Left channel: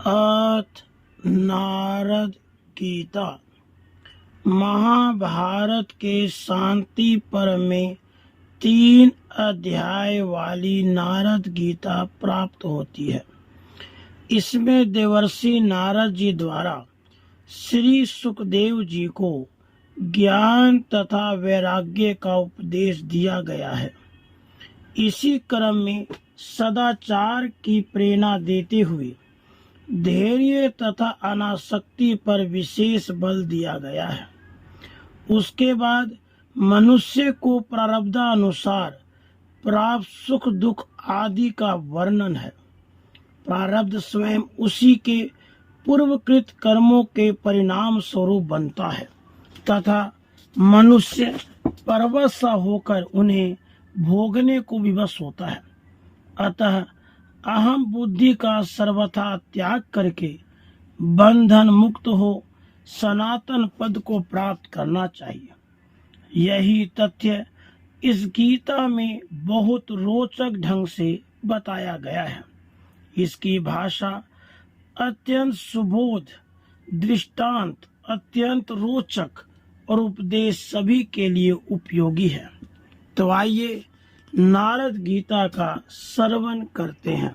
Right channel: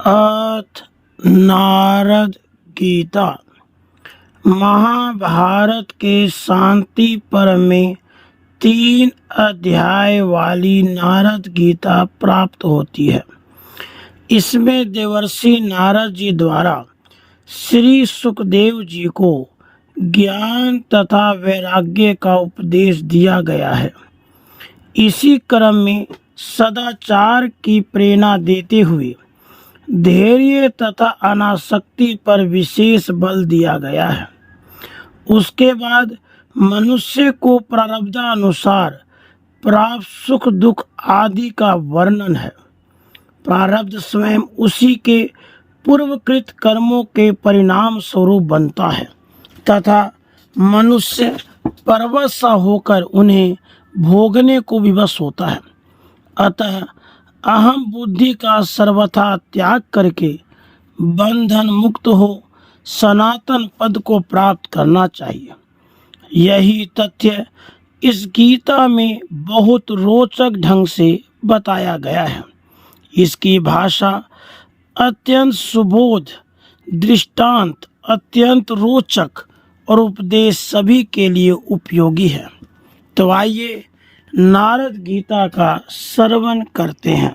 अथ नारद गीता। महाभारत के शांति पर्व में 3 अध्याय वाली नारद गीता प्राप्त होती है। इसमें देवर्षि नारद जी द्वारा श्री सुखदेव जी को ज्ञान तथा वैराग्य का उपदेश दिया गया है। इसी क्रम में सदाचार की प्रेरणा देते हुए धैर्य तथा अनासक्ति पर विशेष बल दिया गया है। उसके बाद मनुष्य को प्रारब्धानुसार प्राप्त सुख दुख आदि का वर्णन है। प्रारब्ध स्वयं उसी के पूर्वकृत कर्मों के परिणाम स्वरूप बनता है तथा मनुष्य परवश होकर उन्हें भोगने को विवश होता है। अतः अहम बुद्धि का सर्वथा त्याग करके बंधन मुक्त हो सनातन पद को प्राप्त करना चाहिए। यही तथ्य इस गीता में बहुत रोचक ढंग से बताया गया है। इसकी भाषा अत्यंत सुबोध, दृष्टांत अत्यंत रोचक और उपदेश सभी के लिए उपयोगी है। तो आइए नारद गीता का श्रवण करते हैं।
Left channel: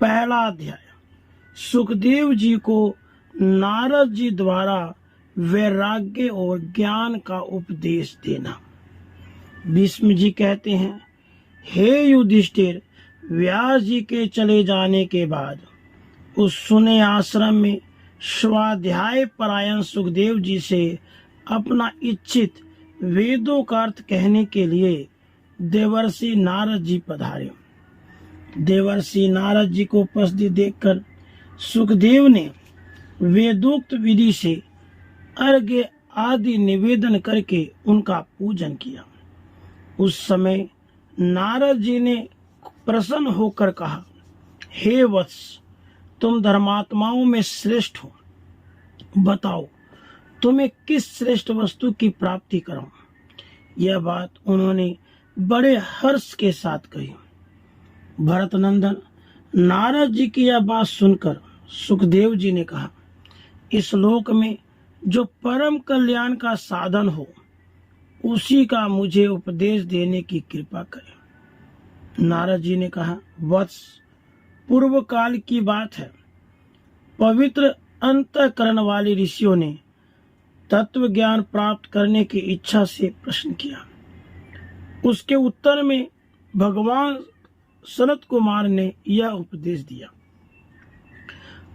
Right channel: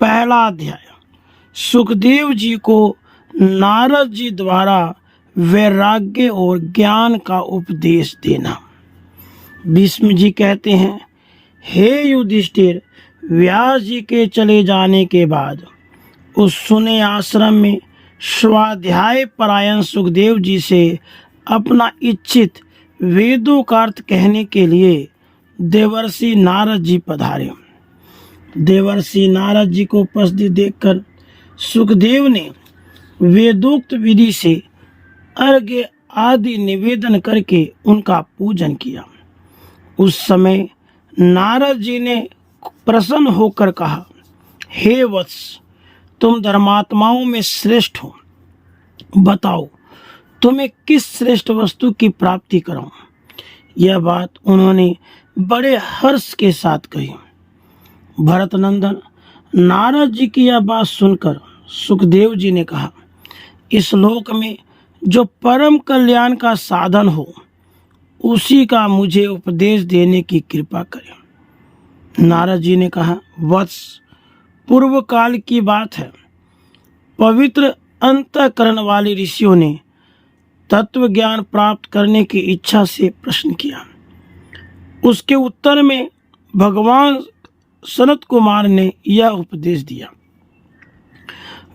पहला अध्याय, सुखदेव जी को नारद जी द्वारा वैराग्य और ज्ञान का उपदेश देना। भीष्म जी कहते हैं, हे युधिष्ठिर, व्यास जी के चले जाने के बाद उस सुने आश्रम में स्वाध्याय परायण सुखदेव जी से अपना इच्छित वेदों का अर्थ कहने के लिए देवर्षि नारद जी पधारे। देवर्षि नारद जी को उपस्थित देखकर सुखदेव ने वेदोक्त विधि से अर्घ्य आदि निवेदन करके उनका पूजन किया। उस समय नारद जी ने प्रसन्न होकर कहा, हे वत्स, तुम धर्मात्माओं में श्रेष्ठ हो। बताओ, तुम्हें किस श्रेष्ठ वस्तु की प्राप्ति कराऊं? यह बात उन्होंने बड़े हर्ष के साथ कही। भरत नंदन, नारद जी की यह बात सुनकर सुखदेव जी ने कहा, इस लोक में जो परम कल्याण का साधन हो उसी का मुझे उपदेश देने की कृपा करें। नारद जी ने कहा, वत्स, पूर्व काल की बात है। पवित्र अंतःकरण वाले ऋषियों ने तत्व ज्ञान प्राप्त करने की इच्छा से प्रश्न किया। उसके उत्तर में भगवान सनत कुमार ने यह उपदेश दिया,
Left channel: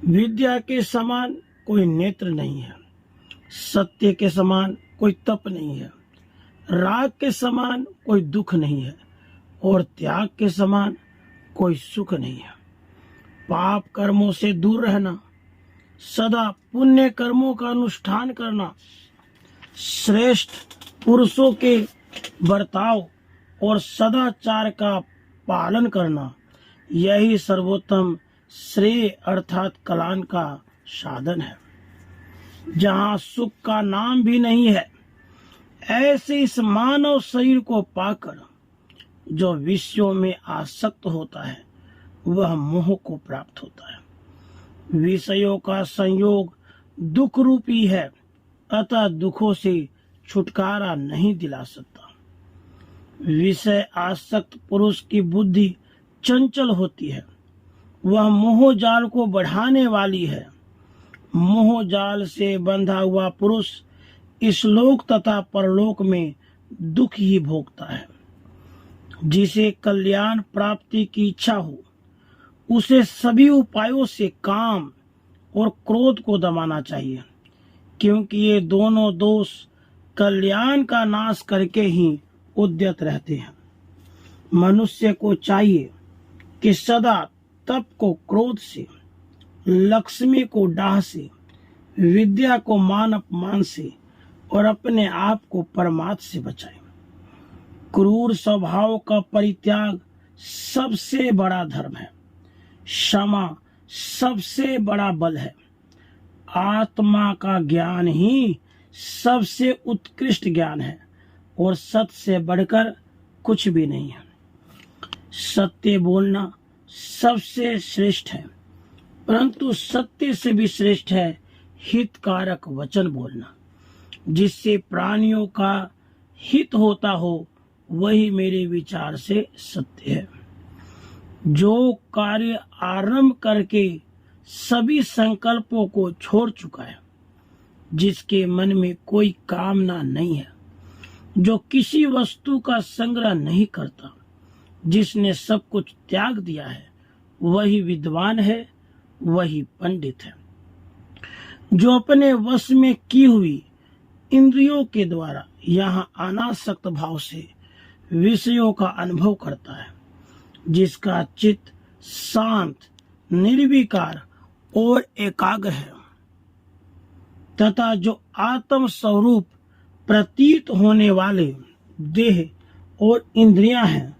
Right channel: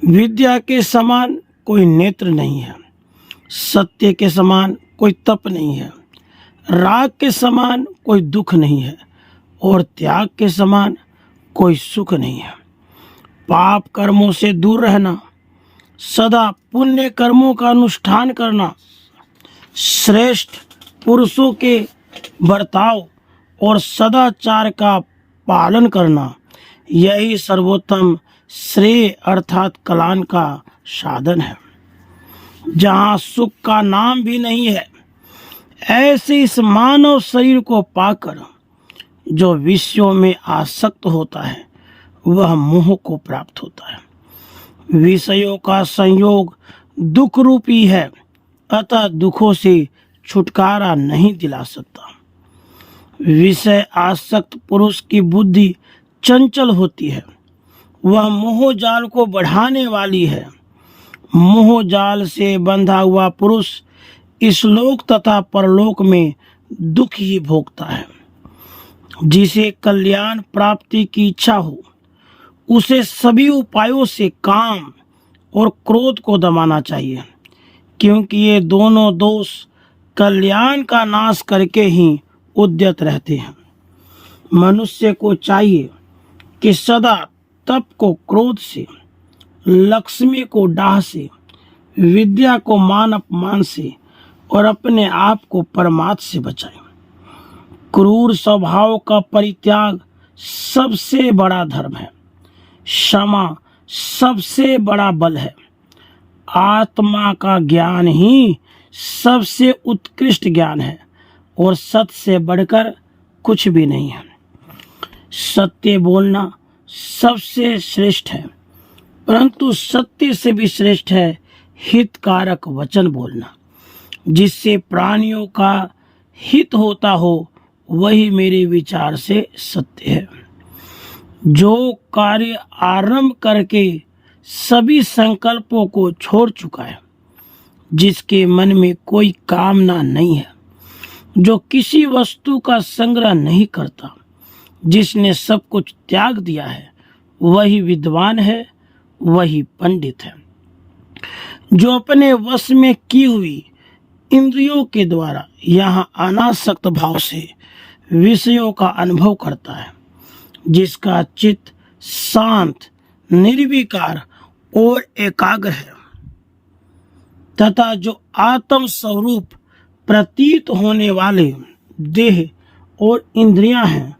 विद्या के समान कोई नेत्र नहीं है, सत्य के समान कोई तप नहीं है, राग के समान कोई दुख नहीं है और त्याग के समान कोई सुख नहीं है। पाप कर्मों से दूर रहना, सदा पुण्य कर्मों का अनुष्ठान करना, श्रेष्ठ पुरुषों के बर्ताव और सदाचार का पालन करना, यही सर्वोत्तम श्रेय अर्थात कल्याण का साधन है। जहाँ सुख का नाम भी नहीं है, ऐसे इस मानव शरीर को पाकर जो विषयों में आसक्त होता है वह मोह को प्राप्त होता है। विषयों का संयोग दुख रूपी है, अतः दुखों से छुटकारा नहीं दिला सकता। विषय आसक्त पुरुष की बुद्धि चंचल होती है, वह मोह जाल को बढ़ाने वाली है। मोह जाल से बंधा हुआ पुरुष इस लोक तथा परलोक में दुख ही भोगता है। जिसे कल्याण प्राप्ति की इच्छा हो उसे सभी उपायों से काम और क्रोध को दबाना चाहिए, क्योंकि ये दोनों दोष कल्याण का नाश करके ही उद्यत रहते हैं। मनुष्य को चाहिए कि सदा तप को क्रोध से, लक्ष्मी को डाह से, विद्या को मान अपमान से और अपने आप को परमात्मा से बचाए। क्रूर स्वभाव का परित्याग सबसे बड़ा धर्म है। क्षमा सबसे बड़ा बल है। आत्मा का ज्ञान ही सबसे उत्कृष्ट ज्ञान है और सत्य से बढ़कर कुछ भी नहीं है। सत्य बोलना सबसे श्रेष्ठ है। परंतु सत्य से भी श्रेष्ठ है हितकारक वचन बोलना, जिससे प्राणियों का हित होता हो, वही मेरे विचार से सत्य है। जो कार्य आरंभ करके सभी संकल्पों को छोड़ चुका है, जिसके मन में कोई कामना नहीं है, जो किसी वस्तु का संग्रह नहीं करता, जिसने सब कुछ त्याग दिया है, वही विद्वान है, वही पंडित है। जो अपने वश में की हुई इंद्रियों के द्वारा यहाँ अनासक्त भाव से विषयों का अनुभव करता है, जिसका चित्त शांत, निर्विकार और एकाग्र है, तथा जो आत्म स्वरूप प्रतीत होने वाले देह और इंद्रियां हैं,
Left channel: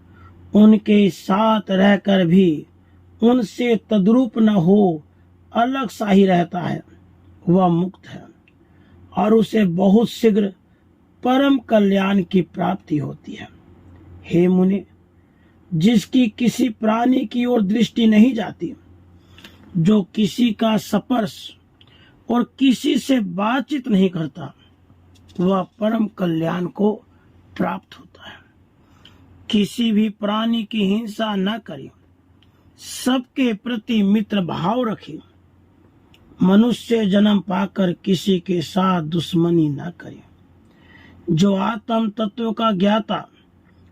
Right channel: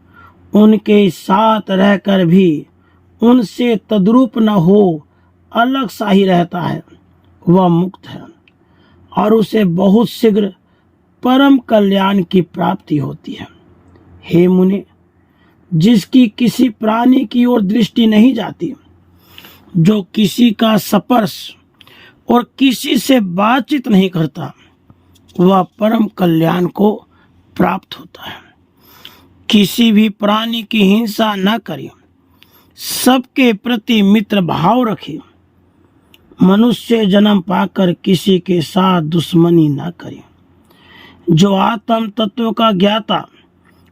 उनके साथ रहकर भी उनसे तद्रूप न हो अलग सा ही रहता है, वह मुक्त है और उसे बहुत शीघ्र परम कल्याण की प्राप्ति होती है। हे मुनि, जिसकी किसी प्राणी की ओर दृष्टि नहीं जाती, जो किसी का स्पर्श और किसी से बातचीत नहीं करता, वह परम कल्याण को प्राप्त होता है। किसी भी प्राणी की हिंसा न करे, सबके प्रति मित्र भाव रखे, मनुष्य जन्म पाकर किसी के साथ दुश्मनी न करे। जो आत्म तत्व का ज्ञाता,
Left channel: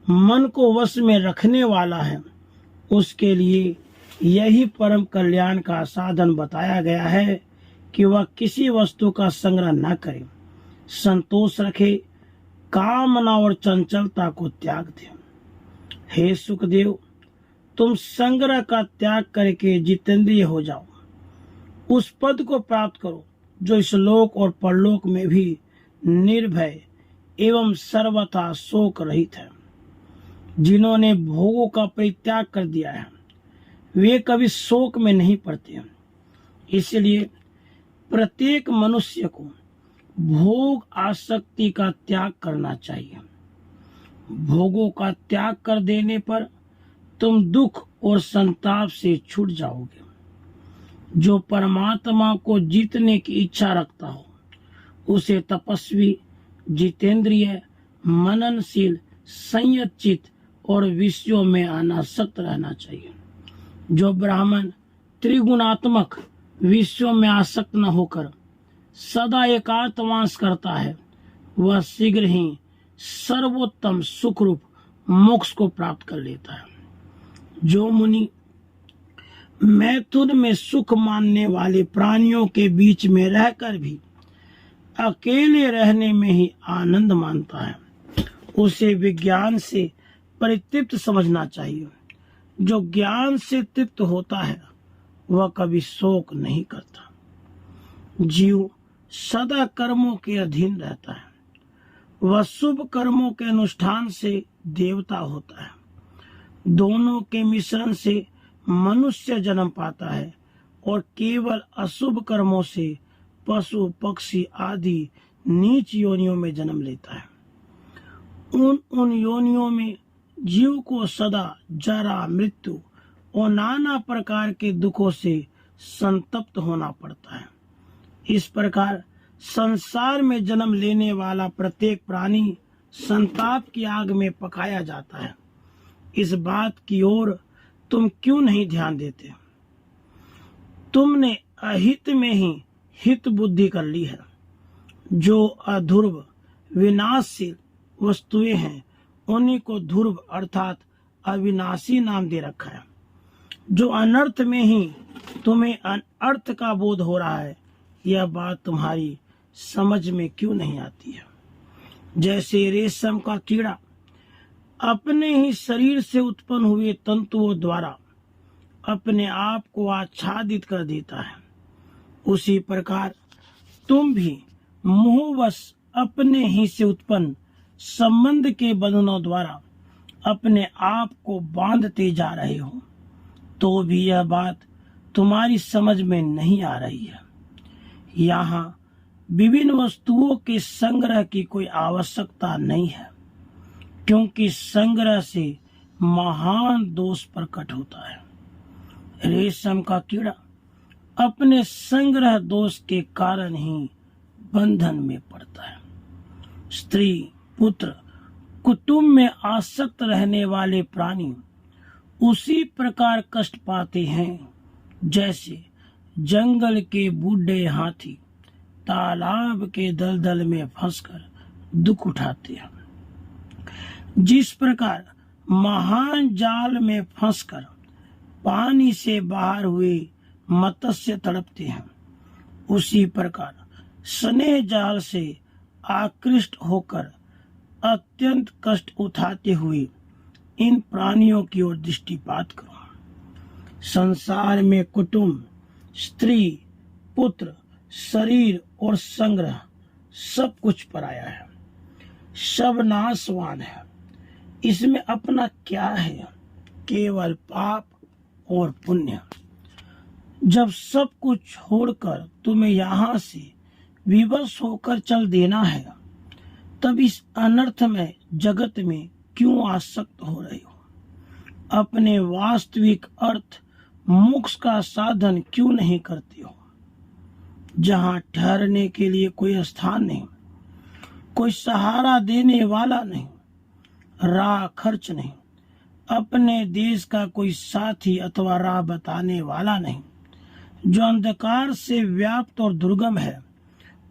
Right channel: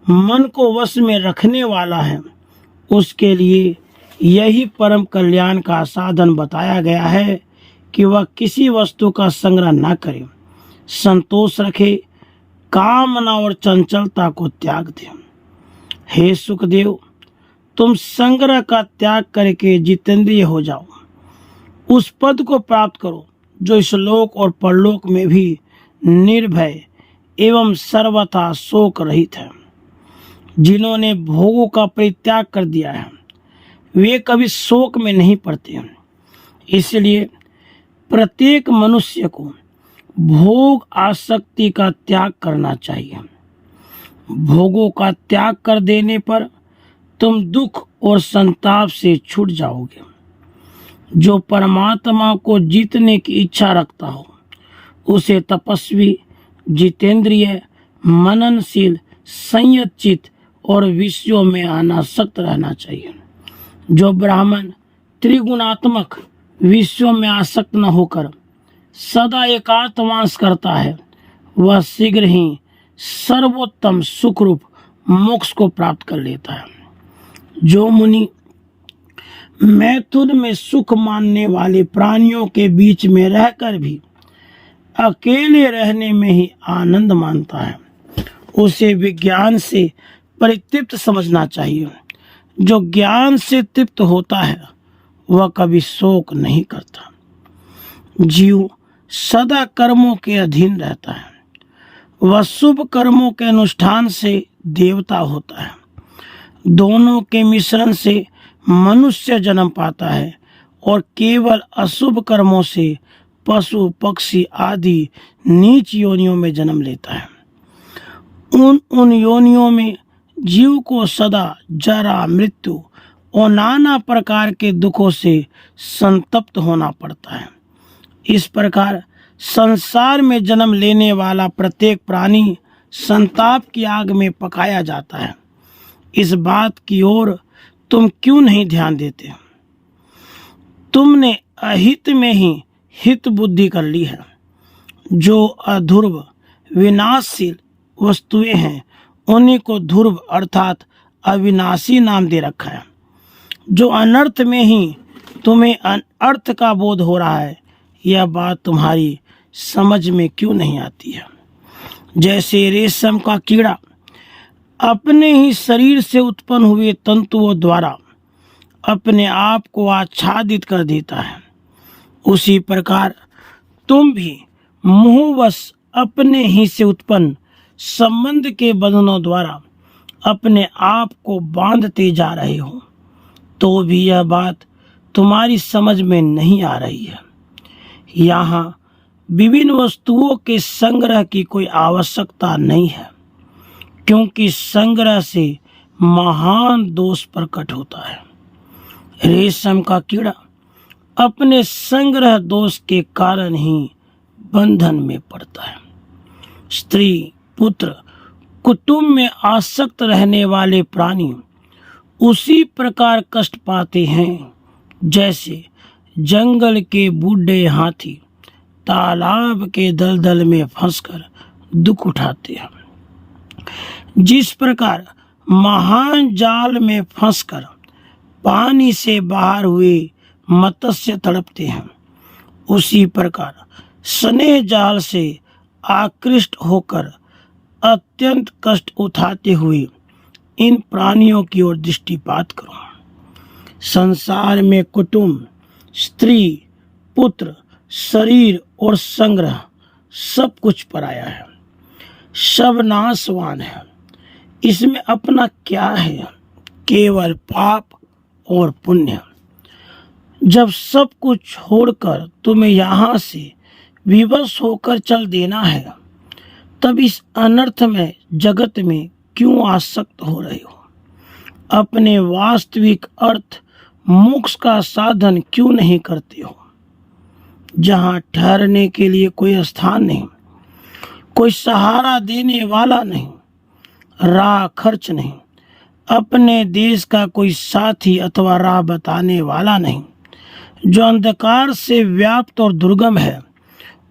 मन को वश में रखने वाला है, उसके लिए यही परम कल्याण का साधन बताया गया है कि वह किसी वस्तु का संग्रह न करे, संतोष रखे, कामना और चंचलता को त्याग दे। हे सुखदेव, तुम संग्रह का त्याग करके जितेंद्रिय हो जाओ, उस पद को प्राप्त करो जो इस लोक और परलोक में भी निर्भय एवं सर्वथा शोक रहित है। जिन्होंने भोगों का परित्याग कर दिया है, वे कभी शोक में नहीं पड़ते हैं। इसलिए प्रत्येक मनुष्य को भोग आसक्ति का त्याग करना चाहिए। भोगों का त्याग कर देने पर तुम दुख और संताप से छूट जाओगे। जो परमात्मा को जीतने की इच्छा रखता हो, उसे तपस्वी, जितेंद्रिय, मननशील, संयत और विषयों में अनासक्त रहना चाहिए। जो ब्राह्मण त्रिगुणात्मक विषयों में आसक्त न होकर सदा एकांतवास करता है, वह शीघ्र ही सर्वोत्तम सुखरूप मोक्ष को प्राप्त कर लेता है। जो मुनि मैथुन में सुख मानने वाले प्राणियों के बीच में रहकर भी अकेले रहने में ही आनंद मानता है, उसे विज्ञान से परितृप्त समझना चाहिए। जो ज्ञान से तृप्त होता है, वह कभी शोक नहीं करता। जीव सदा कर्मों के अधीन रहता है। वह शुभ कर्मों के अनुष्ठान से देवता होता है। दोनों के मिश्रण से मनुष्य जन्म पाता है और केवल अशुभ कर्मों से पशु, पक्षी आदि नीच योनियों में जन्म लेता है। उन योनियों में जीव को सदा जरा, मृत्यु और नाना प्रकार के दुखों से संतप्त होना पड़ता है। इस प्रकार संसार में जन्म लेने वाला प्रत्येक प्राणी संताप की आग में पकाया जाता है। इस बात की ओर तुम क्यों नहीं ध्यान देते? तुमने अहित में ही हित बुद्धि कर ली है। जो अध्रुव विनाशशील वस्तुएं हैं, उन्हीं को ध्रुव अर्थात अविनाशी नाम दे रखा है। जो अनर्थ में ही तुम्हें अनर्थ का बोध हो रहा है, यह बात तुम्हारी समझ में क्यों नहीं आती है? जैसे रेशम का कीड़ा अपने ही शरीर से उत्पन्न हुए तंतुओं द्वारा अपने आप को आच्छादित कर देता है, उसी प्रकार तुम भी मोहवश अपने ही से उत्पन्न संबंध के बंधनों द्वारा अपने आप को बांधते जा रहे हो। तो भी यह बात तुम्हारी समझ में नहीं आ रही है। यहाँ विभिन्न वस्तुओं के संग्रह की कोई आवश्यकता नहीं है, क्योंकि संग्रह से महान दोष प्रकट होता है। रेशम का कीड़ा अपने संग्रह दोष के कारण ही बंधन में पड़ता है। स्त्री, पुत्र, कुटुंब में आसक्त रहने वाले प्राणी उसी प्रकार कष्ट पाते हैं जैसे जंगल के बूढ़े हाथी तालाब के दलदल में फंसकर दुख उठाते हैं। जिस प्रकार महान जाल में फंसकर पानी से बाहर हुए मत्स्य तड़पते हैं, उसी प्रकार स्नेह जाल से आकृष्ट होकर अत्यंत कष्ट उठाते हुए इन प्राणियों की ओर दृष्टिपात करो। संसार में कुटुंब, स्त्री, पुत्र, शरीर और संग्रह सब कुछ पराया है, सब नाशवान है। इसमें अपना क्या है? केवल पाप और पुण्य। जब सब कुछ छोड़कर तुम्हें यहाँ से विवश होकर चल देना है, तब इस अनर्थ में जगत में क्यों आसक्त हो रहे हो? अपने वास्तविक अर्थ मोक्ष का साधन क्यों नहीं करते हो? जहाँ ठहरने के लिए कोई स्थान नहीं, कोई सहारा देने वाला नहीं, राह खर्च नहीं, अपने देश का कोई साथी अथवा राह बताने वाला नहीं, जो अंधकार से व्याप्त और दुर्गम है,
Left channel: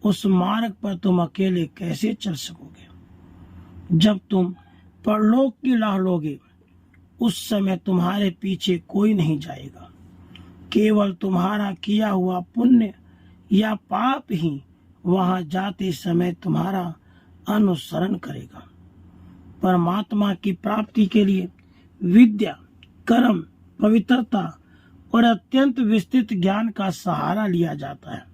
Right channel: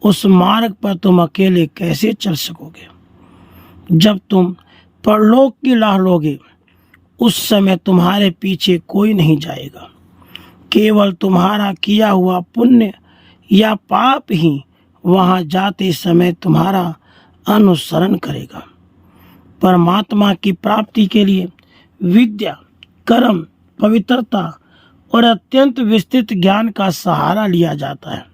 उस मार्ग पर तुम अकेले कैसे चल सकोगे? जब तुम परलोक की राह लोगे, उस समय तुम्हारे पीछे कोई नहीं जाएगा। केवल तुम्हारा किया हुआ पुण्य या पाप ही वहां जाते समय तुम्हारा अनुसरण करेगा। परमात्मा की प्राप्ति के लिए विद्या, कर्म, पवित्रता और अत्यंत विस्तृत ज्ञान का सहारा लिया जाता है।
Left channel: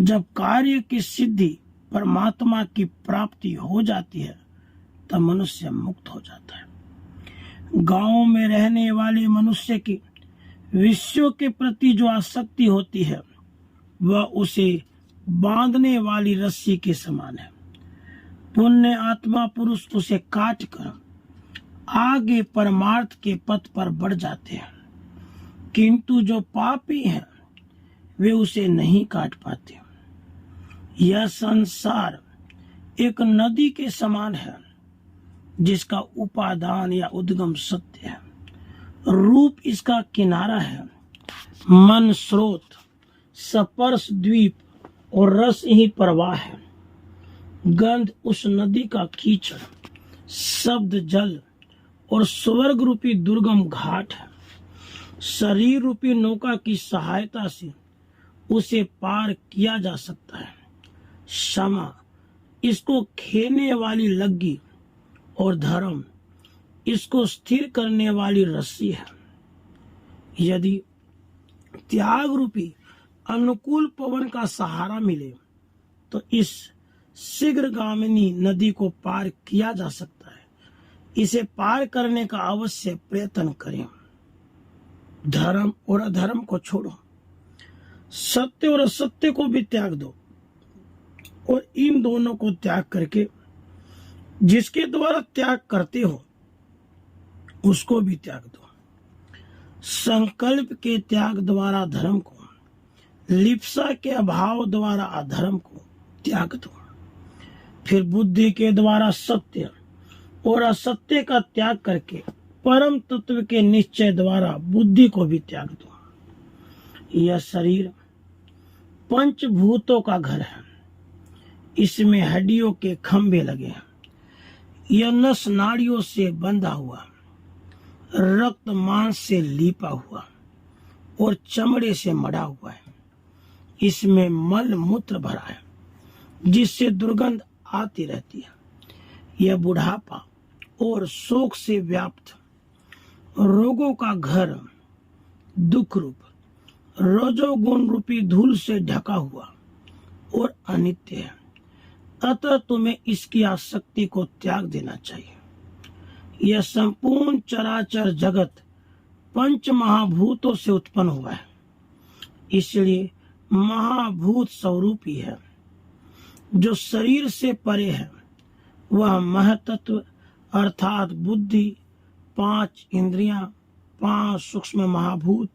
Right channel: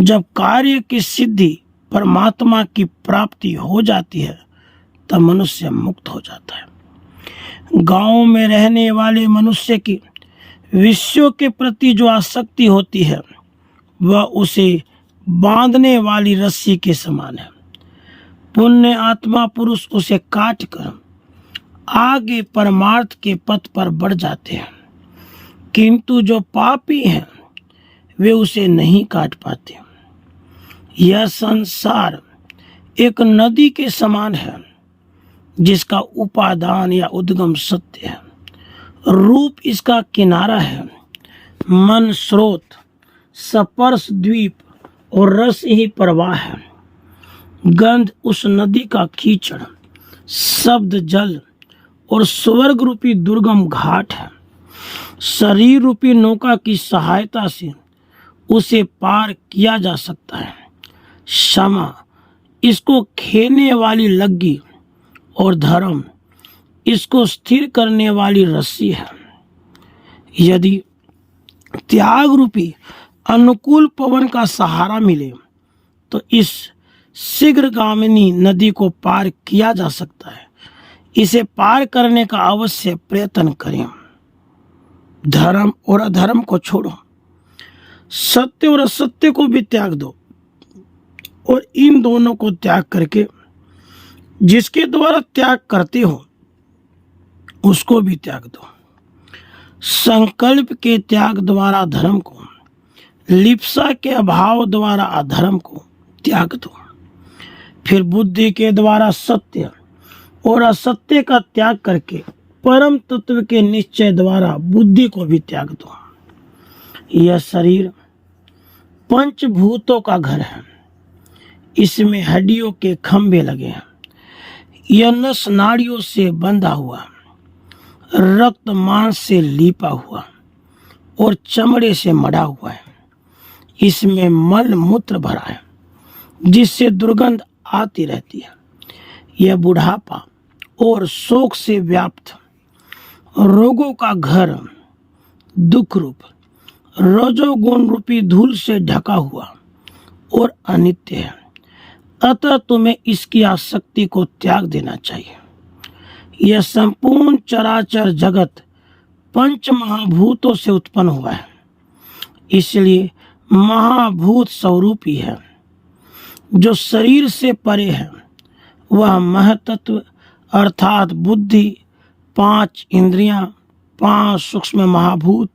जब कार्य की सिद्धि परमात्मा की प्राप्ति हो जाती है, तब मनुष्य मुक्त हो जाता है। गांव में रहने वाले मनुष्य की विषयों के प्रति जो आसक्ति होती है, वह उसे बांधने वाली रस्सी के समान है। पुण्य आत्मा पुरुष उसे काट कर आगे परमार्थ के पथ पर बढ़ जाते हैं, किंतु जो पापी हैं वे उसे नहीं काट पाते। यह संसार एक नदी के समान है, जिसका उपादान या उद्गम सत्य है। रूप इसका किनारा है, मन स्रोत, स्पर्श द्वीप और रस ही प्रवाह है। गंध उस नदी का कीचड़, शब्द जल और स्वर्ग रूपी दुर्गम घाट है। शरीर रूपी नौका की सहायता से उसे पार किया जा सकता है। क्षमा इसको खेने वाली लग्गी और धर्म इसको स्थिर करने वाली रस्सी है। यदि त्याग रूपी अनुकूल पवन का सहारा मिले तो इस शीघ्रगामिनी नदी को पार किया जा सकता है। इसे पार करने का अवश्य प्रयत्न करें। धर्म और अधर्म को छोड़ो, सत्य और असत्य को भी त्याग दो, और इन दोनों को त्याग करके जिसके द्वारा त्याग करते हो उसको भी त्याग दो। संकल्प के त्याग द्वारा धर्म को, लिप्सा के अभाव द्वारा अधर्म को त्याग दो। फिर बुद्धि के द्वारा सत्य और असत्य का त्याग करके परम तत्व के निश्चय द्वारा बुद्धि को भी त्याग दो। यह शरीर पंचभूतों का घर है। इसमें हड्डियों के खंभे लगे हैं। यह नस नाड़ियों से बंधा हुआ, रक्त मांस से लीपा हुआ और चमड़े से मढ़ा हुआ है। इसमें मल मूत्र भरा है, जिससे दुर्गंध आती रहती है। यह बुढ़ापा और शोक से व्याप्त रोगों का घर, दुख रूप रजोगुण रूपी धूल से ढका हुआ और अनित्य है। अतः तुम्हें इसकी आसक्ति को त्याग देना चाहिए। यह संपूर्ण चराचर जगत पंच महाभूतों से उत्पन्न हुआ है, इसलिए महाभूत स्वरूपी है। जो शरीर से परे है वह महतत्व अर्थात बुद्धि, 5 इंद्रियां, 5 सूक्ष्म महाभूत,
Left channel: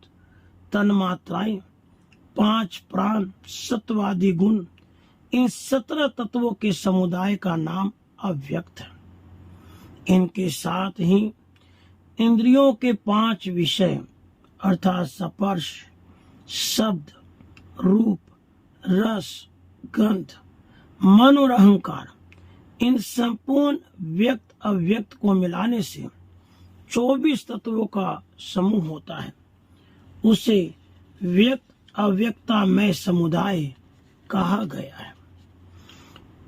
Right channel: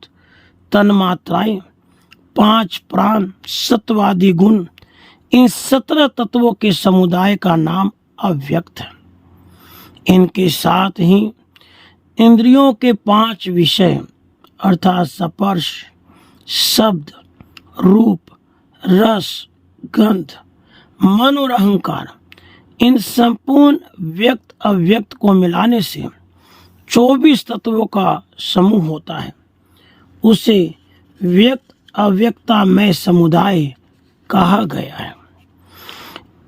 तन्मात्राएं 5 प्राण, सत्वादि गुण, इन 17 तत्वों के समुदाय का नाम अव्यक्त है। इनके साथ ही इंद्रियों के 5 विषय अर्थात स्पर्श, शब्द, रूप, रस, गंध, मन और अहंकार, इन संपूर्ण व्यक्त अव्यक्त को मिलाने से 24 तत्वों का समूह होता है। उसे व्यक्त अव्यक्तामय समुदाय कहा गया है।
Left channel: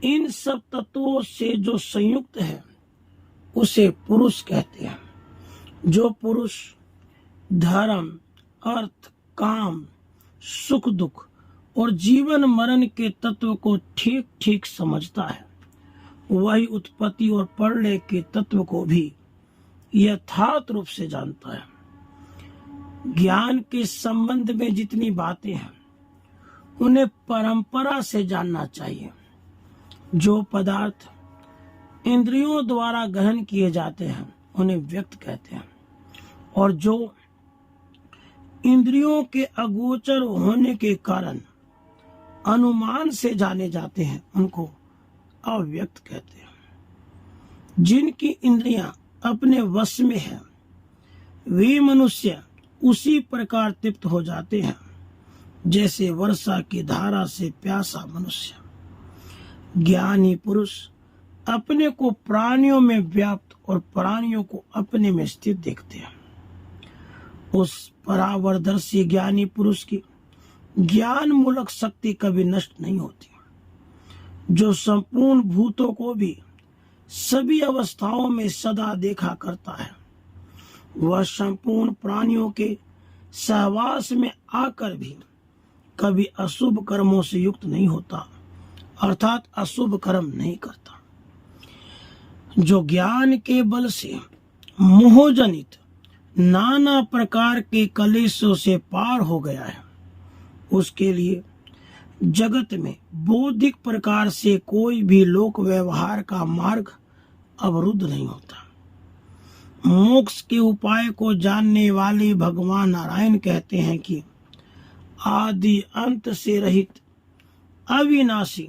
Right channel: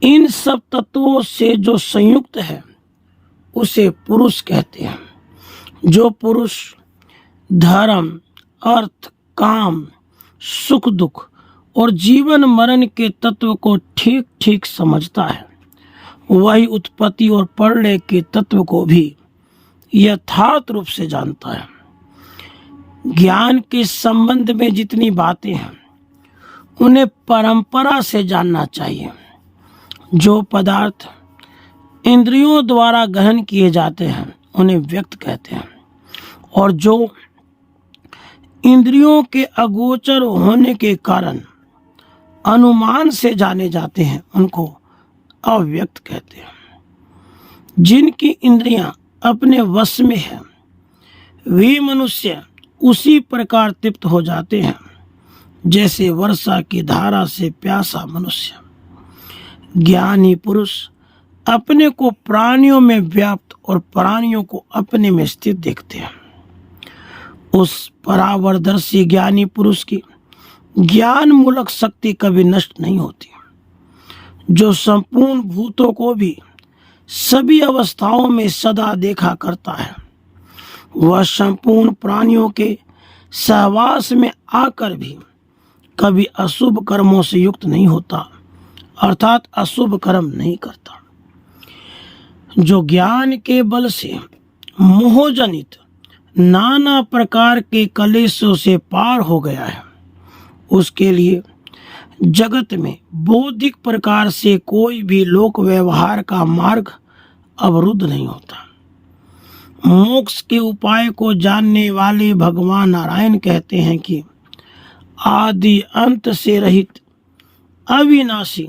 इन सब तत्वों से जो संयुक्त है उसे पुरुष कहते हैं। जो पुरुष धर्म, अर्थ, काम, सुख दुख और जीवन मरण के तत्व को ठीक ठीक समझता है, वही उत्पत्ति और प्रलय के तत्व को भी यथार्थ रूप से जानता है। ज्ञान के संबंध में जितनी बातें हैं उन्हें परंपरा से जानना चाहिए। जो पदार्थ इंद्रियों द्वारा ग्रहण किए जाते हैं उन्हें व्यक्त कहते हैं, और जो इंद्रियों के अगोचर होने के कारण अनुमान से जाने जाते हैं उनको अव्यक्त कहते हैं। जिनकी इंद्रियां अपने वश में है वे मनुष्य उसी प्रकार तृप्त हो जाते हैं जैसे वर्षा की धारा से प्यासा मनुष्य। ज्ञानी पुरुष अपने को प्राणियों में व्याप्त और प्राणियों को अपने में स्थित देखते हैं। उस परावरदर्शी ज्ञानी पुरुष की ज्ञान मूलक शक्ति कभी नष्ट नहीं होती। जो संपूर्ण भूतों को भी सभी अवस्थाओं में सदा देखा करता है, वह संपूर्ण प्राणियों के सहवास में आकर भी कभी अशुभ कर्मों से युक्त नहीं होता, अर्थात अशुभ कर्म नहीं करता। जो ज्ञान के बल से मोहजनित नाना प्रकार के कलेशों से पार हो गया है, उसके लिए जगत में बौद्धिक प्रकार से कोई भी लोक व्यवहार का मार्ग अवरुद्ध नहीं होता। मोक्ष के उपाय को जानने वाले भगवान नारायण कहते हैं कि आदि अंत से रहित, अविनाशी,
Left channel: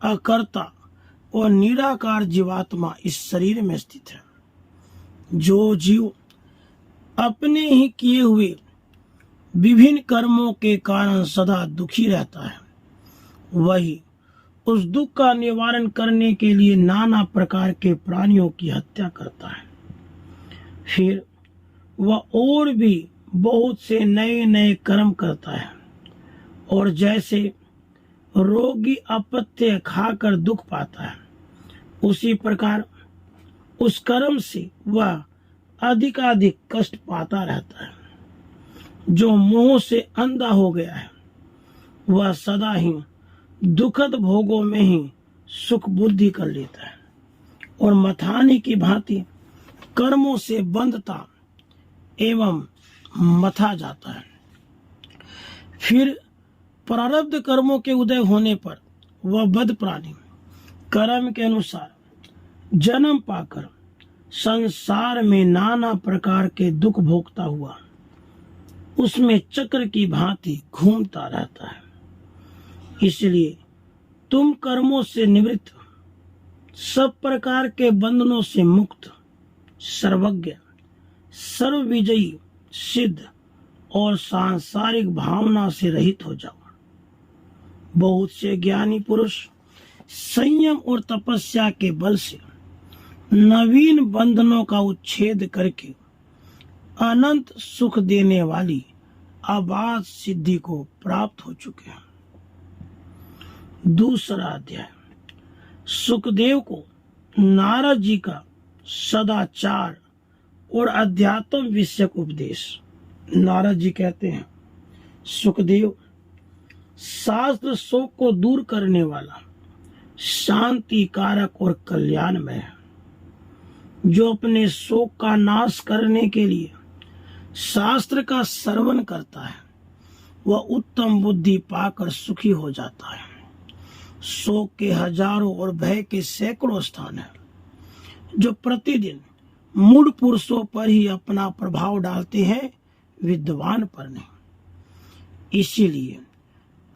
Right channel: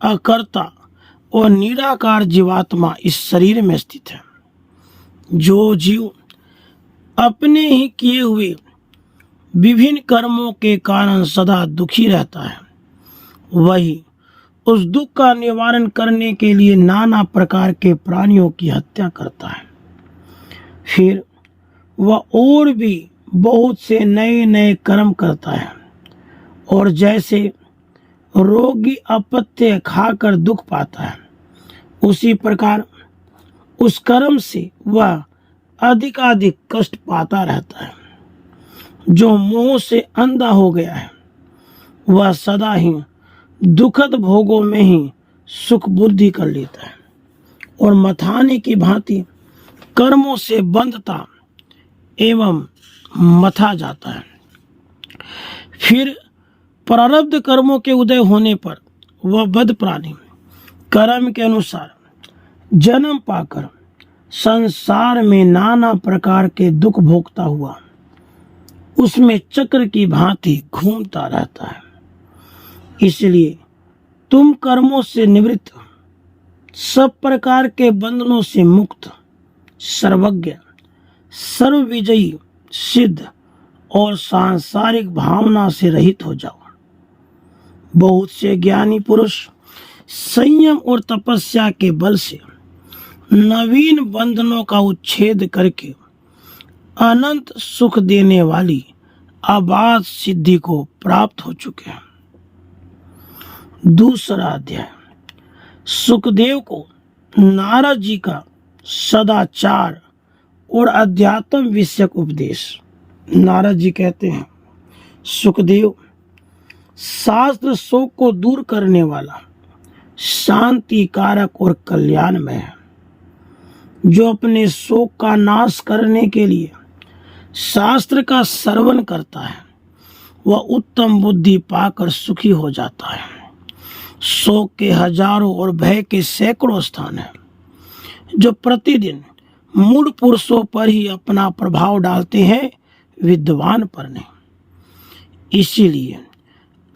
अकर्ता और निराकार जीवात्मा इस शरीर में स्थित है। जो जीव अपने ही किए हुए विभिन्न कर्मों के कारण सदा दुखी रहता है, वही उस दुख का निवारण करने के लिए नाना प्रकार के प्राणियों की हत्या करता है। फिर वह और भी बहुत से नए नए कर्म करता है, और जैसे रोगी अपत्य खाकर दुख पाता है, उसी प्रकार उस कर्म से वह अधिकाधिक कष्ट पाता रहता है। जो मोह से अंधा हो गया है वह सदा ही दुखद भोगों में ही सुख बुद्धि कर लेता है, और मथाने की भांति कर्मों से बंधता एवं मथा जाता है। फिर प्रारब्ध कर्मों के उदय होने पर वह बद्ध प्राणी कर्म के अनुसार जन्म पाकर संसार में नाना प्रकार के दुख भोगता हुआ उसमें चक्र की भांति घूमता रहता है। इसलिए तुम कर्मों से निवृत्त, सब प्रकार के बंधनों से मुक्त, सर्वज्ञ, सर्वविजयी, सिद्ध और सांसारिक भावना से रहित हो जाओ। बहुत से ज्ञानी पुरुष संयम और तपस्या के बल से नवीन बंधनों का उच्छेद करके अनंत सुख देने वाली अबाध सिद्धि को प्राप्त हो चुके हैं। दूसरा अध्याय। सुखदेव को नारद जी का सदाचार और अध्यात्म विषयक उपदेश। नारद जी कहते हैं, सुखदेव, शास्त्र शोक को दूर करने वाला, शांति कारक और कल्याणमय है। जो अपने शोक का नाश करने के लिए शास्त्र का श्रवण करता है वह उत्तम बुद्धि पाकर सुखी हो जाता है। शोक के हजारों और भय के सैकड़ों स्थान हैं जो प्रतिदिन मूढ़ पुरुषों पर ही अपना प्रभाव डालते हैं, विद्वान पर नहीं। इसीलिए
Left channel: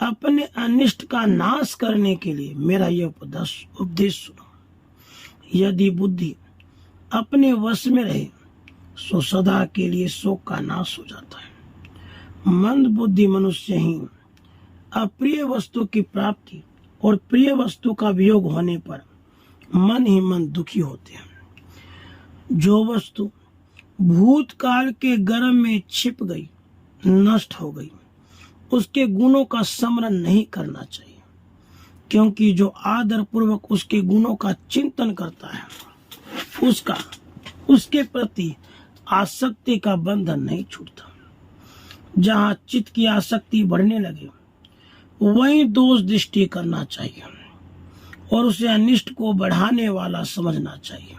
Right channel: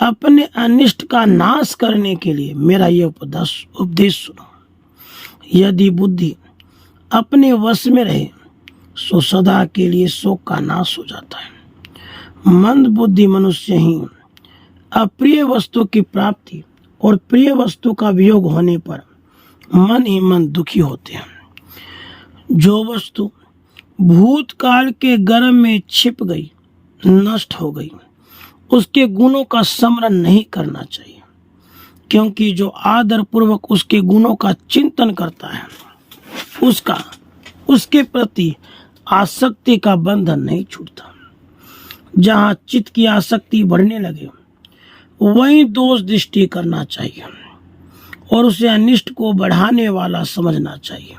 अपने अनिष्ट का नाश करने के लिए मेरा यह उपदेश सुनो। यदि बुद्धि अपने वश में रहे सो सदा के लिए शोक का नाश हो जाता है। मंद बुद्धि मनुष्य ही अप्रिय वस्तु की प्राप्ति और प्रिय वस्तु का वियोग होने पर मन ही मन दुखी होते हैं। जो वस्तु भूतकाल के गर्भ में छिप गई, नष्ट हो गई, उसके गुणों का स्मरण नहीं करना चाहिए, क्योंकि जो आदर पूर्वक उसके गुणों का चिंतन करता है उसके प्रति आसक्ति का बंधन नहीं छूटता। जहाँ चित्त की आसक्ति बढ़ने लगे वहीं दोष दृष्टि करना चाहिए और उसे अनिष्ट को बढ़ाने वाला समझना चाहिए।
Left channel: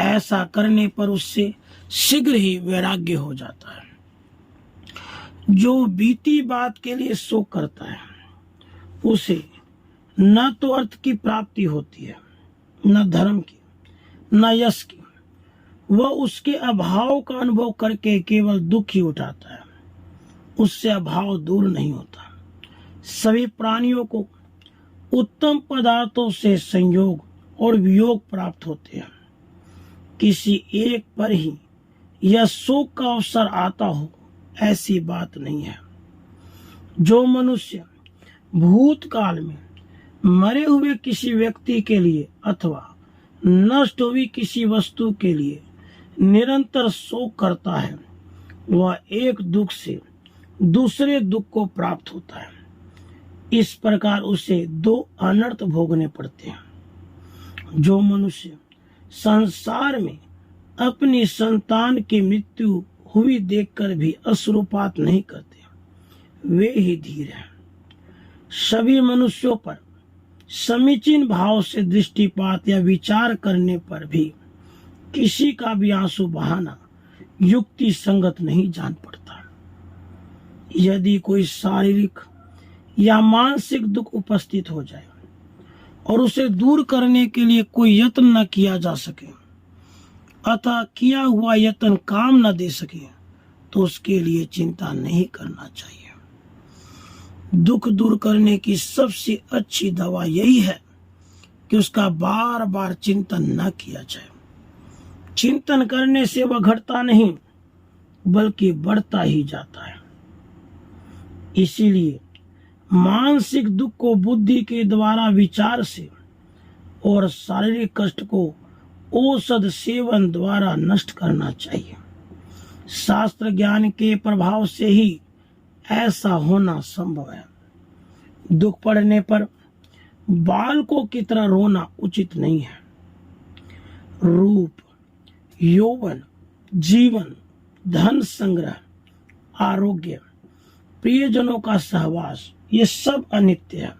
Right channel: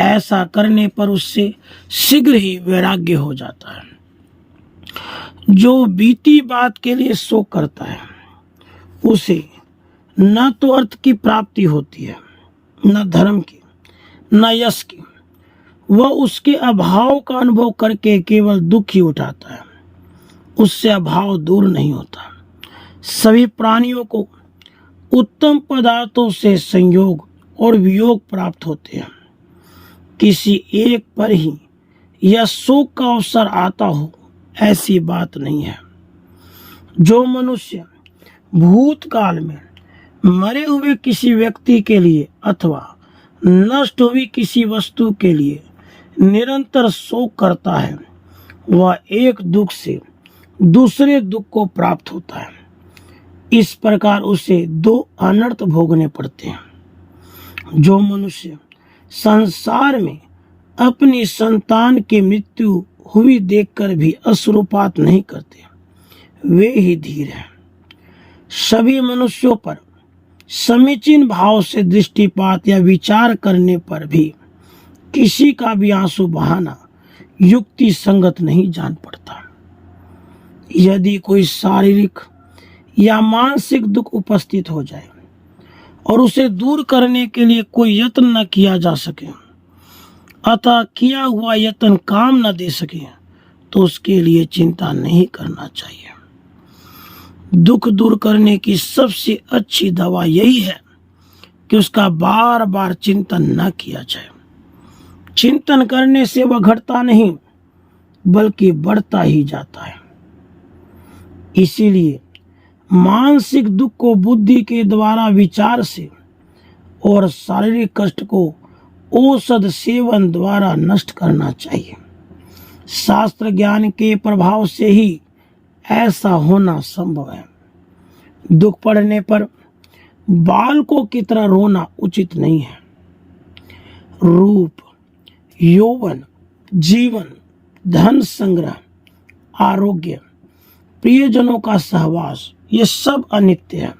ऐसा करने पर उससे शीघ्र ही वैराग्य हो जाता है। जो बीती बात के लिए शोक करता है उसे न तो अर्थ की प्राप्ति होती है, न धर्म की, न यश की। वह उसके अभाव का अनुभव करके केवल दुख ही उठाता है, उससे अभाव दूर नहीं होता। सभी प्राणियों को उत्तम पदार्थों से संयोग और वियोग प्राप्त होते हैं। किसी एक पर ही यह शोक का अवसर आता हो ऐसी बात नहीं है। जो मनुष्य भूतकाल में मरे हुए किसी व्यक्ति के लिए अथवा नष्ट हुई किसी वस्तु के लिए निरंतर शोक करता है वह एक दुख से दूसरे दुख को प्राप्त होता है। इस प्रकार उसे दो अनर्थ भोगने पड़ते हैं। जो मनुष्य संसार में अपनी संतान की मृत्यु हुई देखकर भी अश्रुपात नहीं करते, वे ही धीर हैं। सभी मनुष्यों पर समीचीन भाव से दृष्टिपात या विचार करने पर भी किसी का भी आंसू बहाना युक्ति संगत नहीं जान पड़ता। यदि कोई शारीरिक या मानसिक दुख उपस्थित हो जाए और उसे दूर करने के लिए कोई यत्न न किया जा सके अतः किया हुआ यत्न काम न दे सके तो उसके लिए चिंता नहीं करना चाहिए। दुख दूर करने की सबसे अच्छी दवा यही है कि उसका बार बार चिंतन न किया जाए। चिंतन करने से वह घटता नहीं बल्कि बढ़ता ही जाता है। इसीलिए मानसिक दुख को बुद्धि के द्वारा विचार से और शारीरिक कष्ट को औषध सेवन द्वारा नष्ट करना चाहिए। शास्त्र ज्ञान के प्रभाव से ही ऐसा होना संभव है। दुख पड़ने पर बालकों की तरह रोना उचित नहीं है। रूप, यौवन, जीवन, धन संग्रह, आरोग्य, प्रियजनों का सहवास ये सब अनित्य है।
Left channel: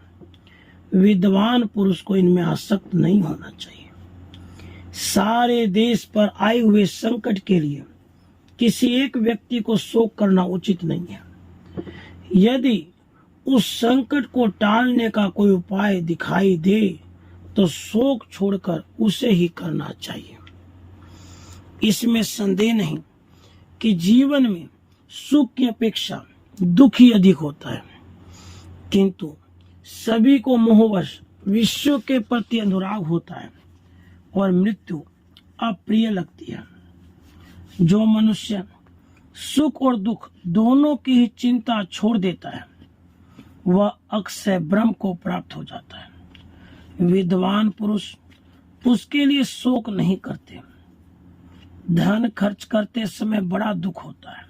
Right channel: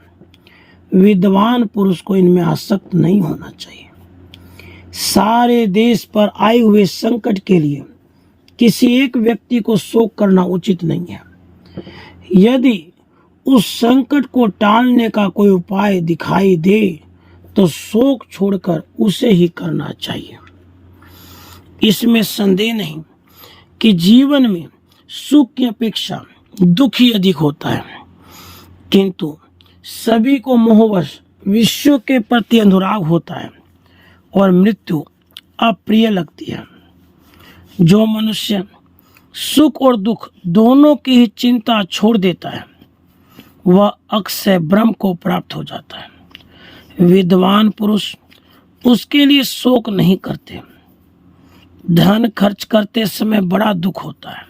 विद्वान पुरुष को इनमें आसक्त नहीं होना चाहिए। सारे देश पर आए हुए संकट के लिए किसी एक व्यक्ति को शोक करना उचित नहीं है। यदि उस संकट को टालने का कोई उपाय दिखाई दे तो शोक छोड़कर उसे ही करना चाहिए। इसमें संदेह नहीं कि जीवन में सुख की अपेक्षा दुख ही अधिक होता है, किंतु सभी को मोहवश विश्व के प्रति अनुराग होता है और मृत्यु अप्रिय लगती है। जो मनुष्य सुख और दुख दोनों की ही चिंता छोड़ देता है वह अक्षय ब्रह्म को प्राप्त हो जाता है। विद्वान पुरुष उसके लिए शोक नहीं करते। धन खर्च करते समय बड़ा दुख होता है,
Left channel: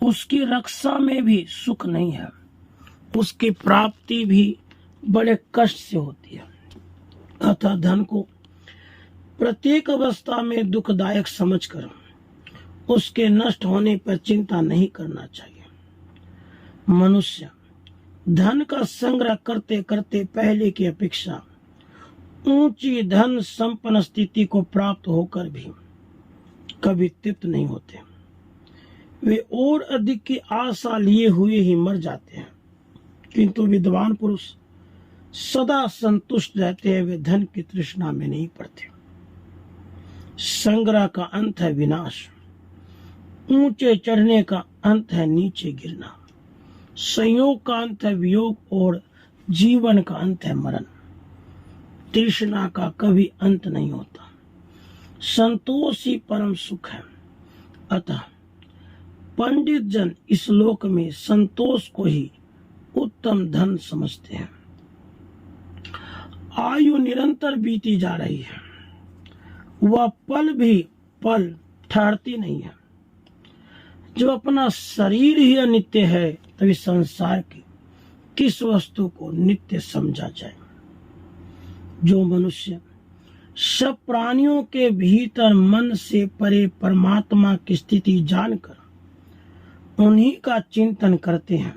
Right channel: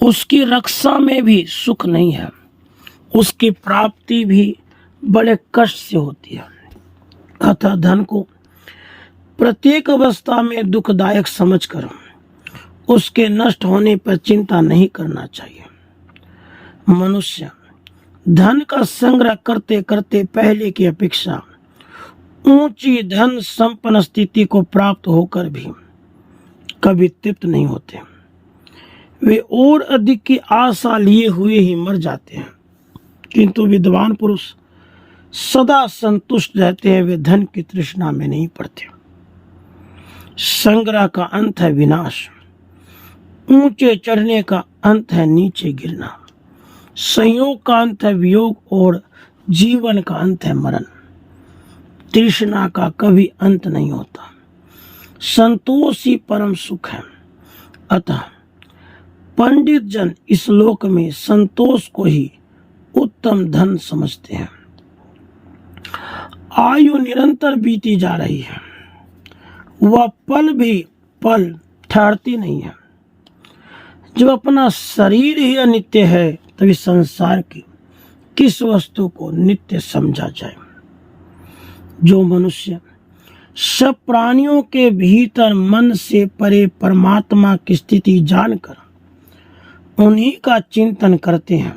उसकी रक्षा में भी सुख नहीं है, उसकी प्राप्ति भी बड़े कष्ट से होती है। अतः धन को प्रत्येक अवस्था में दुखदायक समझकर उसके नष्ट होने पर चिंता नहीं करना चाहिए। मनुष्य धन का संग्रह करते करते पहले की अपेक्षा ऊंची धन संपन्न स्थिति को प्राप्त होकर भी कभी तृप्त नहीं होते। वे और अधिक की आशा लिए हुए ही मर जाते हैं, किंतु विद्वान पुरुष सदा संतुष्ट रहते हैं। वे धन की तृष्णा में नहीं पड़ते। संग्रह का अंत है विनाश, ऊंचे चढ़ने का अंत है नीचे गिरना। संयोग का अंत है वियोग और जीवन का अंत है मरण। तृष्णा का कभी अंत नहीं होता। संतोष ही परम सुख है। अतः पंडित जन इस लोक में संतोष को ही उत्तम धन समझते हैं। आयु निरंतर बीती जा रही है, वह पल भी पल ठहरती नहीं है। जब अपना शरीर ही अनित्य है तभी संसार की किस वस्तु को नित्य समझा जाए। जो मनुष्य सब प्राणियों के भीतर मन से परे परमात्मा की स्थिति जानकर उन्हीं का चिंतन करते हैं,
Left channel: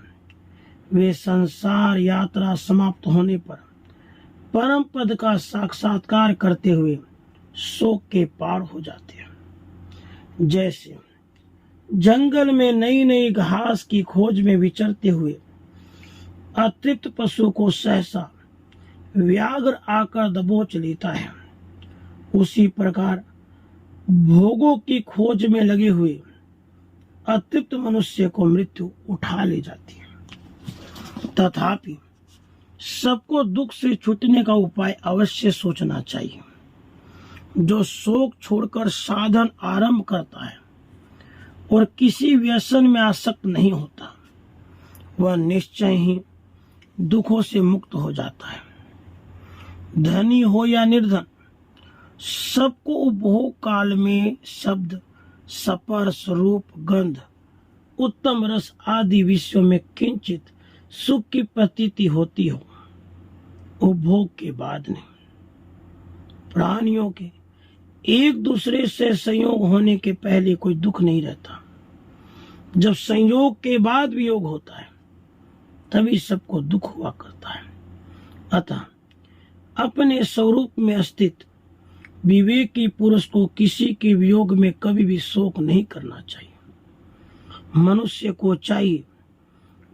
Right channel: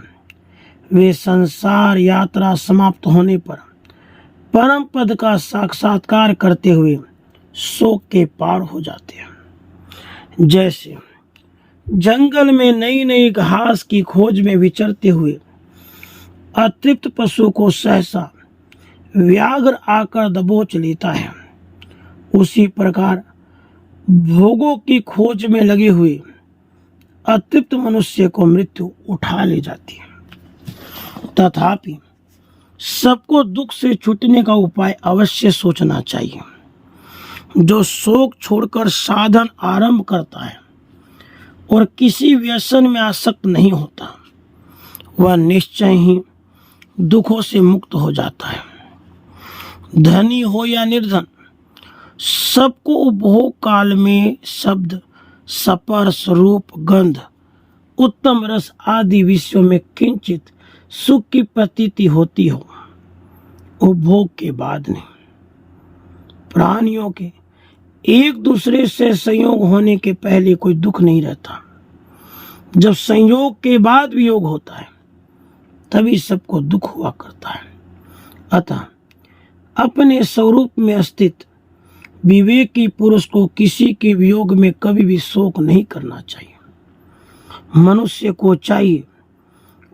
वे संसार यात्रा समाप्त होने पर परम पद का साक्षात्कार करते हुए शोक के पार हो जाते हैं। जैसे जंगल में नई नई घास की खोज में विचरते हुए अतृप्त पशु को सहसा व्याघ्र आकर दबोच लेता है, उसी प्रकार भोगों की खोज में लगे हुए अतृप्त मनुष्य को मृत्यु उठा ले जाती है। तथापि सबको दुख से छूटने का उपाय अवश्य सोचना चाहिए। जो शोक छोड़कर साधन आरंभ करता है और किसी व्यसन में आसक्त नहीं होता, वह निश्चय ही दुखों से मुक्त हो जाता है। धनी हो या निर्धन, सबको उपभोग काल में शब्द, स्पर्श, रूप, गंध, उत्तम रस आदि विषयों में किंचित सुख की प्रतीति होती हो, उपभोग के बाद नहीं। प्राणियों के एक दूसरे से संयोग होने के पहले कोई दुख नहीं रहता। जब संयोग के बाद वियोग होता है तभी सबको दुख हुआ करता है। अतः अपने स्वरूप में स्थित विवेकी पुरुष को किसी के वियोग में कभी भी शोक नहीं करना चाहिए। मनुष्य को चाहिए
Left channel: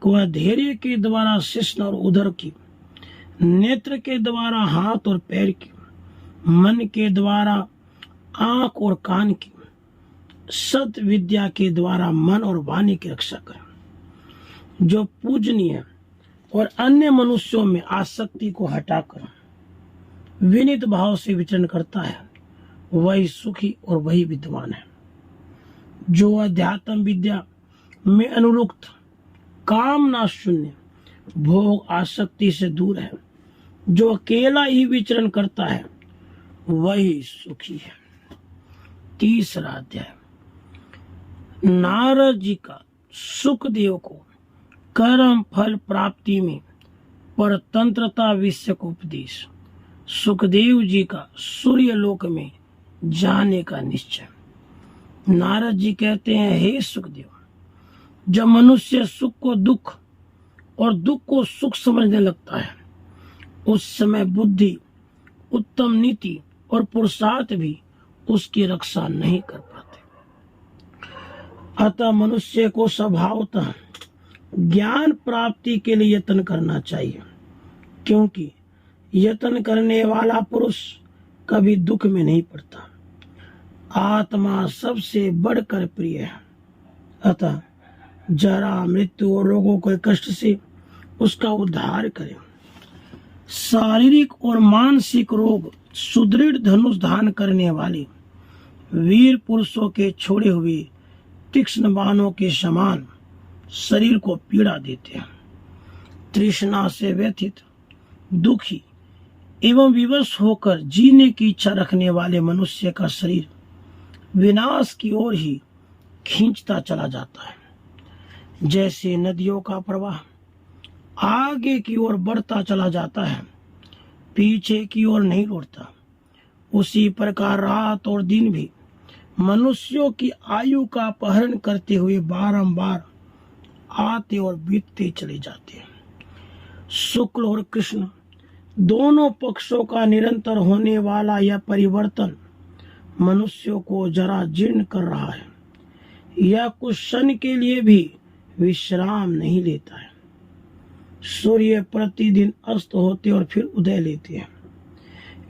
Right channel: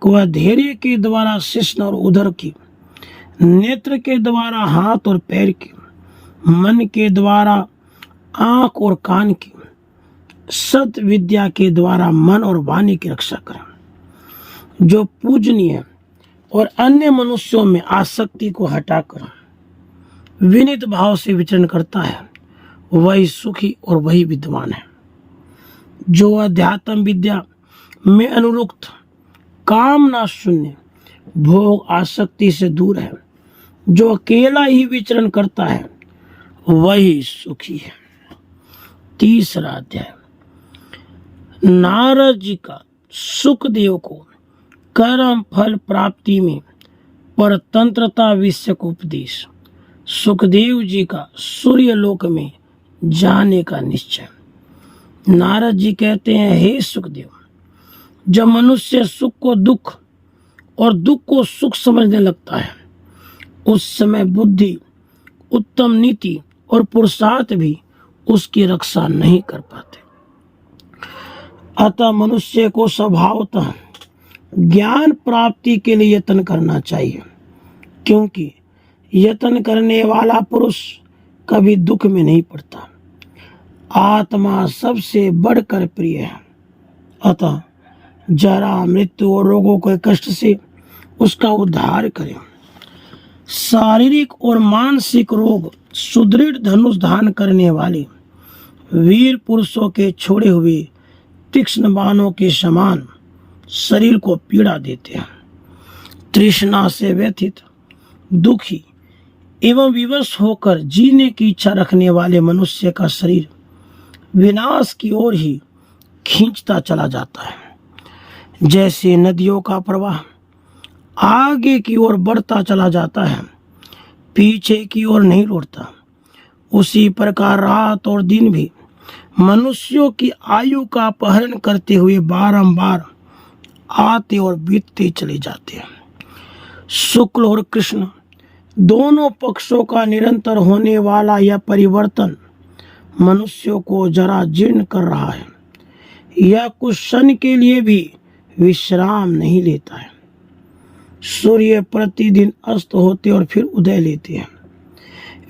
कि वह धैर्य के द्वारा शिश्न और उदर की, नेत्र के द्वारा हाथ और पैर की, मन के द्वारा आंख और कान की, सत विद्या के द्वारा मन और वाणी की रक्षा करें। जो पूजनीय और अन्य मनुष्यों में आसक्ति को हटाकर विनीत भाव से विचरण करता है, वही सुखी और वही विद्वान है। जो अध्यात्म विद्या में अनुरुक्त, कामना शून्य, भोग आसक्ति से दूर है, जो अकेला ही विचरण करता है, वही सुखी है। तीसरा अध्याय। नारद जी का सुखदेव को कर्म फल प्राप्ति में परतंत्रता विषय को उपदेश। सुखदेव जी का सूर्य लोक में जाने का निश्चय। नारद जी कहते हैं, हे सुखदेव, जब मनुष्य सुख को दुख और दुख को सुख समझने लगता है, उस समय बुद्धि, उत्तम नीति और पुरुषार्थ भी उसकी रक्षा नहीं कर पाते। अतः मनुष्य को स्वभावतः ज्ञान प्राप्ति के लिए यत्न करना चाहिए, क्योंकि यत्न करने वाला पुरुष कभी दुख में नहीं पड़ता। आत्मा सबसे बढ़कर प्रिय है। अतः जरा, मृत्यु और रोगों के कष्ट से उसका उद्धार करें। शारीरिक और मानसिक रोग सुदृढ़ धनुष धारण करने वाले वीर पुरुषों के छोड़े हुए तीक्ष्ण बाणों के समान शरीर को पीड़ा देते हैं। तृष्णा से व्यथित, दुखी एवं विवश होकर जीने की इच्छा रखने वाले मनुष्य का शरीर विनाश की ओर ही खींचता चला जाता है। जैसे नदियों का प्रवाह आगे की ओर बढ़ता चला जाता है, पीछे की ओर नहीं लौटता, उसी प्रकार रात और दिन भी मनुष्यों की आयु का अपहरण करते हुए बारंबार आते और बीतते चले जाते हैं। शुक्ल और कृष्ण दोनों पक्षों का निरंतर होने वाला यह परिवर्तन मनुष्यों को जरा जीर्ण कर रहा है। यह कुछ क्षण के लिए भी विश्राम नहीं लेता है। सूर्य प्रतिदिन अस्त होते और फिर उदय लेते हैं।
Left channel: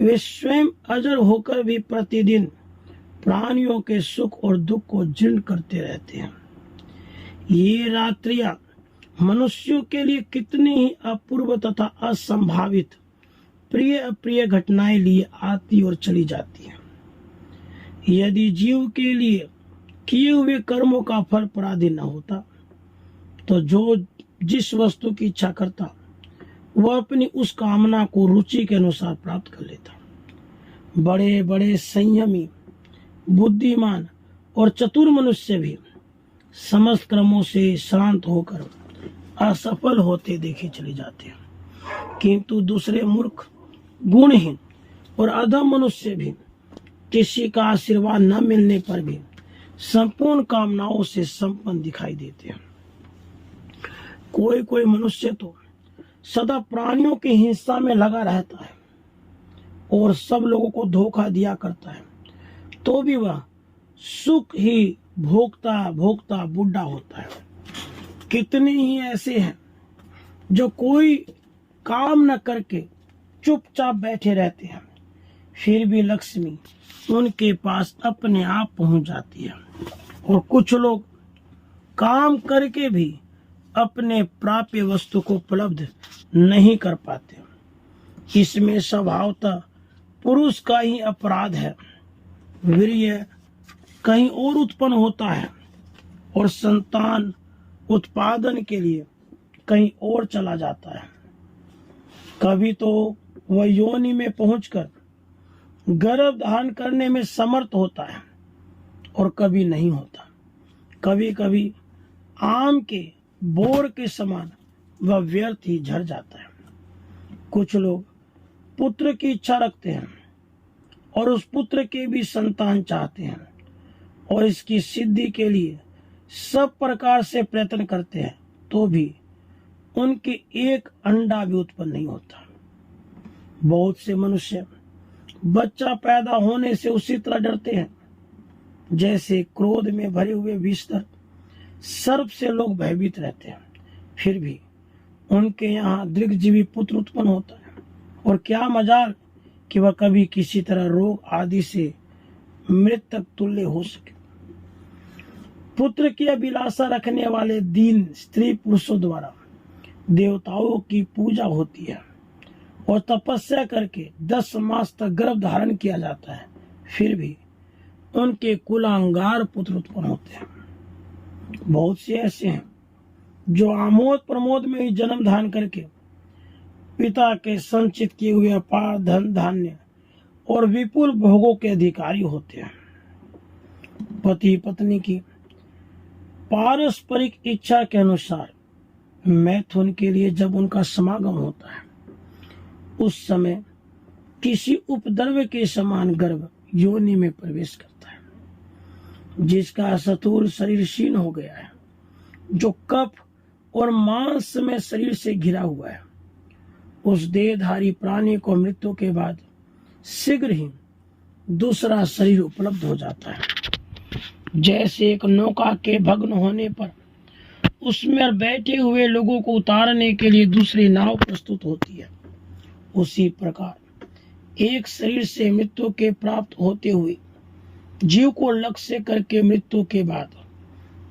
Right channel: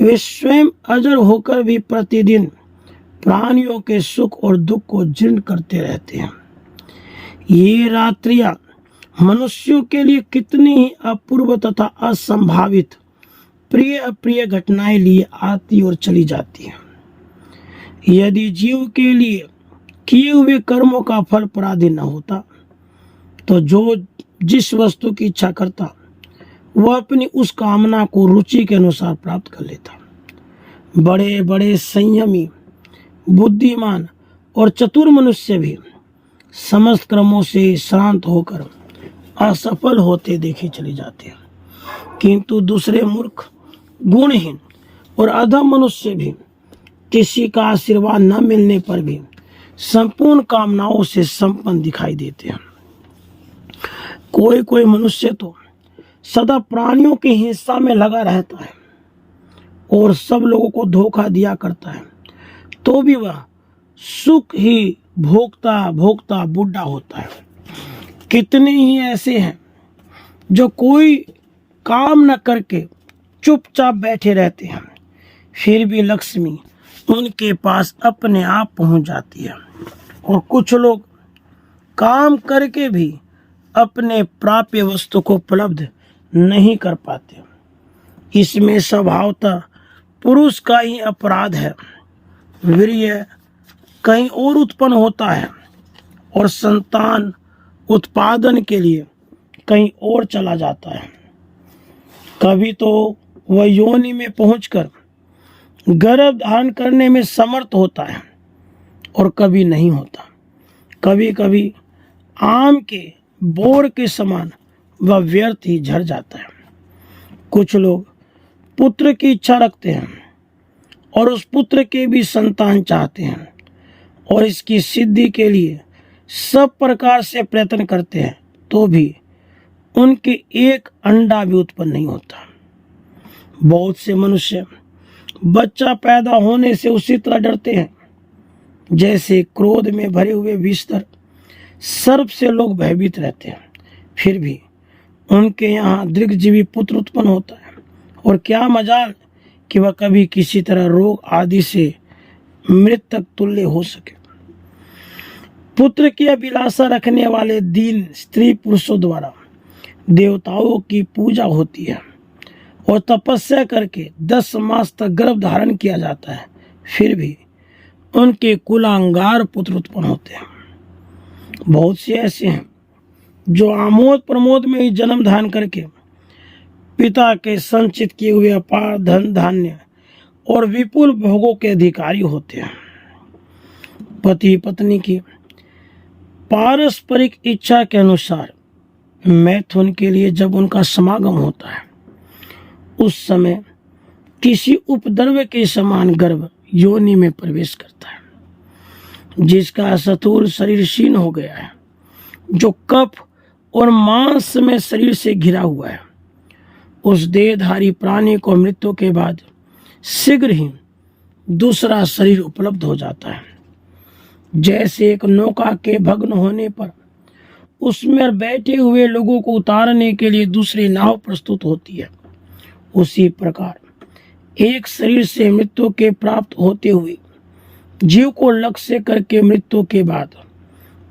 वे स्वयं अजर होकर भी प्रतिदिन प्राणियों के सुख और दुख को जीर्ण करते रहते हैं। ये रात्रियां मनुष्यों के लिए कितनी ही अपूर्व तथा असंभावित प्रिय अप्रिय घटनाएं लिए आती और चली जाती हैं। यदि जीव के लिए किए हुए कर्मों का फल पराधीन न होता तो जो जिस वस्तु की इच्छा करता वह अपनी उस कामना को रुचि के अनुसार प्राप्त कर लेता। बड़े बड़े संयमी, बुद्धिमान और चतुर मनुष्य भी समस्त कर्मों से शांत होकर असफल होते देखे चले जाते हैं, किंतु दूसरे मूर्ख, गुणहीन और अधम मनुष्य भी किसी का आशीर्वाद न मिलने पर भी संपूर्ण कामनाओं से संपन्न दिखाई देते हैं। कोई कोई मनुष्य तो सदा प्राणियों की हिंसा में लगा रहता है और सब लोगों को धोखा दिया करता है, तो भी वह सुख ही भोगता भोगता बूढ़ा होता है। कितने ही ऐसे हैं जो कोई काम न करके चुपचाप बैठे रहते हैं, फिर भी लक्ष्मी उनके पास अपने आप पहुंच जाती है। और कुछ लोग काम करके भी अपने प्राप्य वस्तु को उपलब्ध नहीं कर पाते। इसमें स्वभावतः पुरुष का ही अपराध है। वीर्य कहीं और उत्पन्न होता है और संतान उत्पादन के लिए कहीं और चला जाता है। कभी तो वह योनि में पहुंचकर गर्भ धारण करने में समर्थ होता है और कभी नहीं होता। कभी कभी आम के बोर के समान वह व्यर्थ ही झड़ जाता है। कुछ लोग पुत्र की इच्छा रखते हैं और उस पुत्र के भी संतान चाहते हैं और इसकी सिद्धि के लिए सब प्रकार से प्रयत्न करते हैं, तो भी उनके एक अंडा भी उत्पन्न नहीं होता। बहुत से मनुष्य बच्चा पैदा होने से उसी तरह डरते हैं जैसे क्रोध में भरे हुए बिस्तर सर्प से लोग भयभीत रहते हैं। फिर भी उनके यहाँ दीर्घजीवी पुत्र उत्पन्न होता है और क्या मजाल कि वह कभी किसी तरह रोग आदि से मृतक तुल्य हो सके। पुत्र की अभिलाषा रखने वाले दीन स्त्री पुरुषों द्वारा देवताओं की पूजा होती है और तपस्या करके 10 मास तक गर्भ धारण किया जाता है, फिर भी उनके कुलांगार पुत्र उत्पन्न होते हैं। बहुत से ऐसे हैं जो आमोद प्रमोद में ही जन्म धारण करके पिता के संचित किए हुए अपार धन धान्य और विपुल भोगों के अधिकारी होते हैं। पति पत्नी की पारस्परिक इच्छा के अनुसार मैथुन के लिए जब उनका समागम होता है, उस समय किसी उपद्रव के समान गर्भ योनि में प्रवेश करता है, जिसका स्थूल शरीर क्षीण हो गया है, जो कफ और मांस में शरीर से घिरा हुआ है। उस देहधारी प्राणी को मृत्यु के बाद शीघ्र ही दूसरा शरीर उपलब्ध हो जाता है। जैसे एक नौका के भग्न होने पर उसमें बैठे हुए लोगों को उतारने के लिए दूसरी नाव प्रस्तुत होती है, उसी प्रकार एक शरीर से मृत्यु के प्राप्त होते हुए जीव को लक्ष्य करके मृत्यु के बाद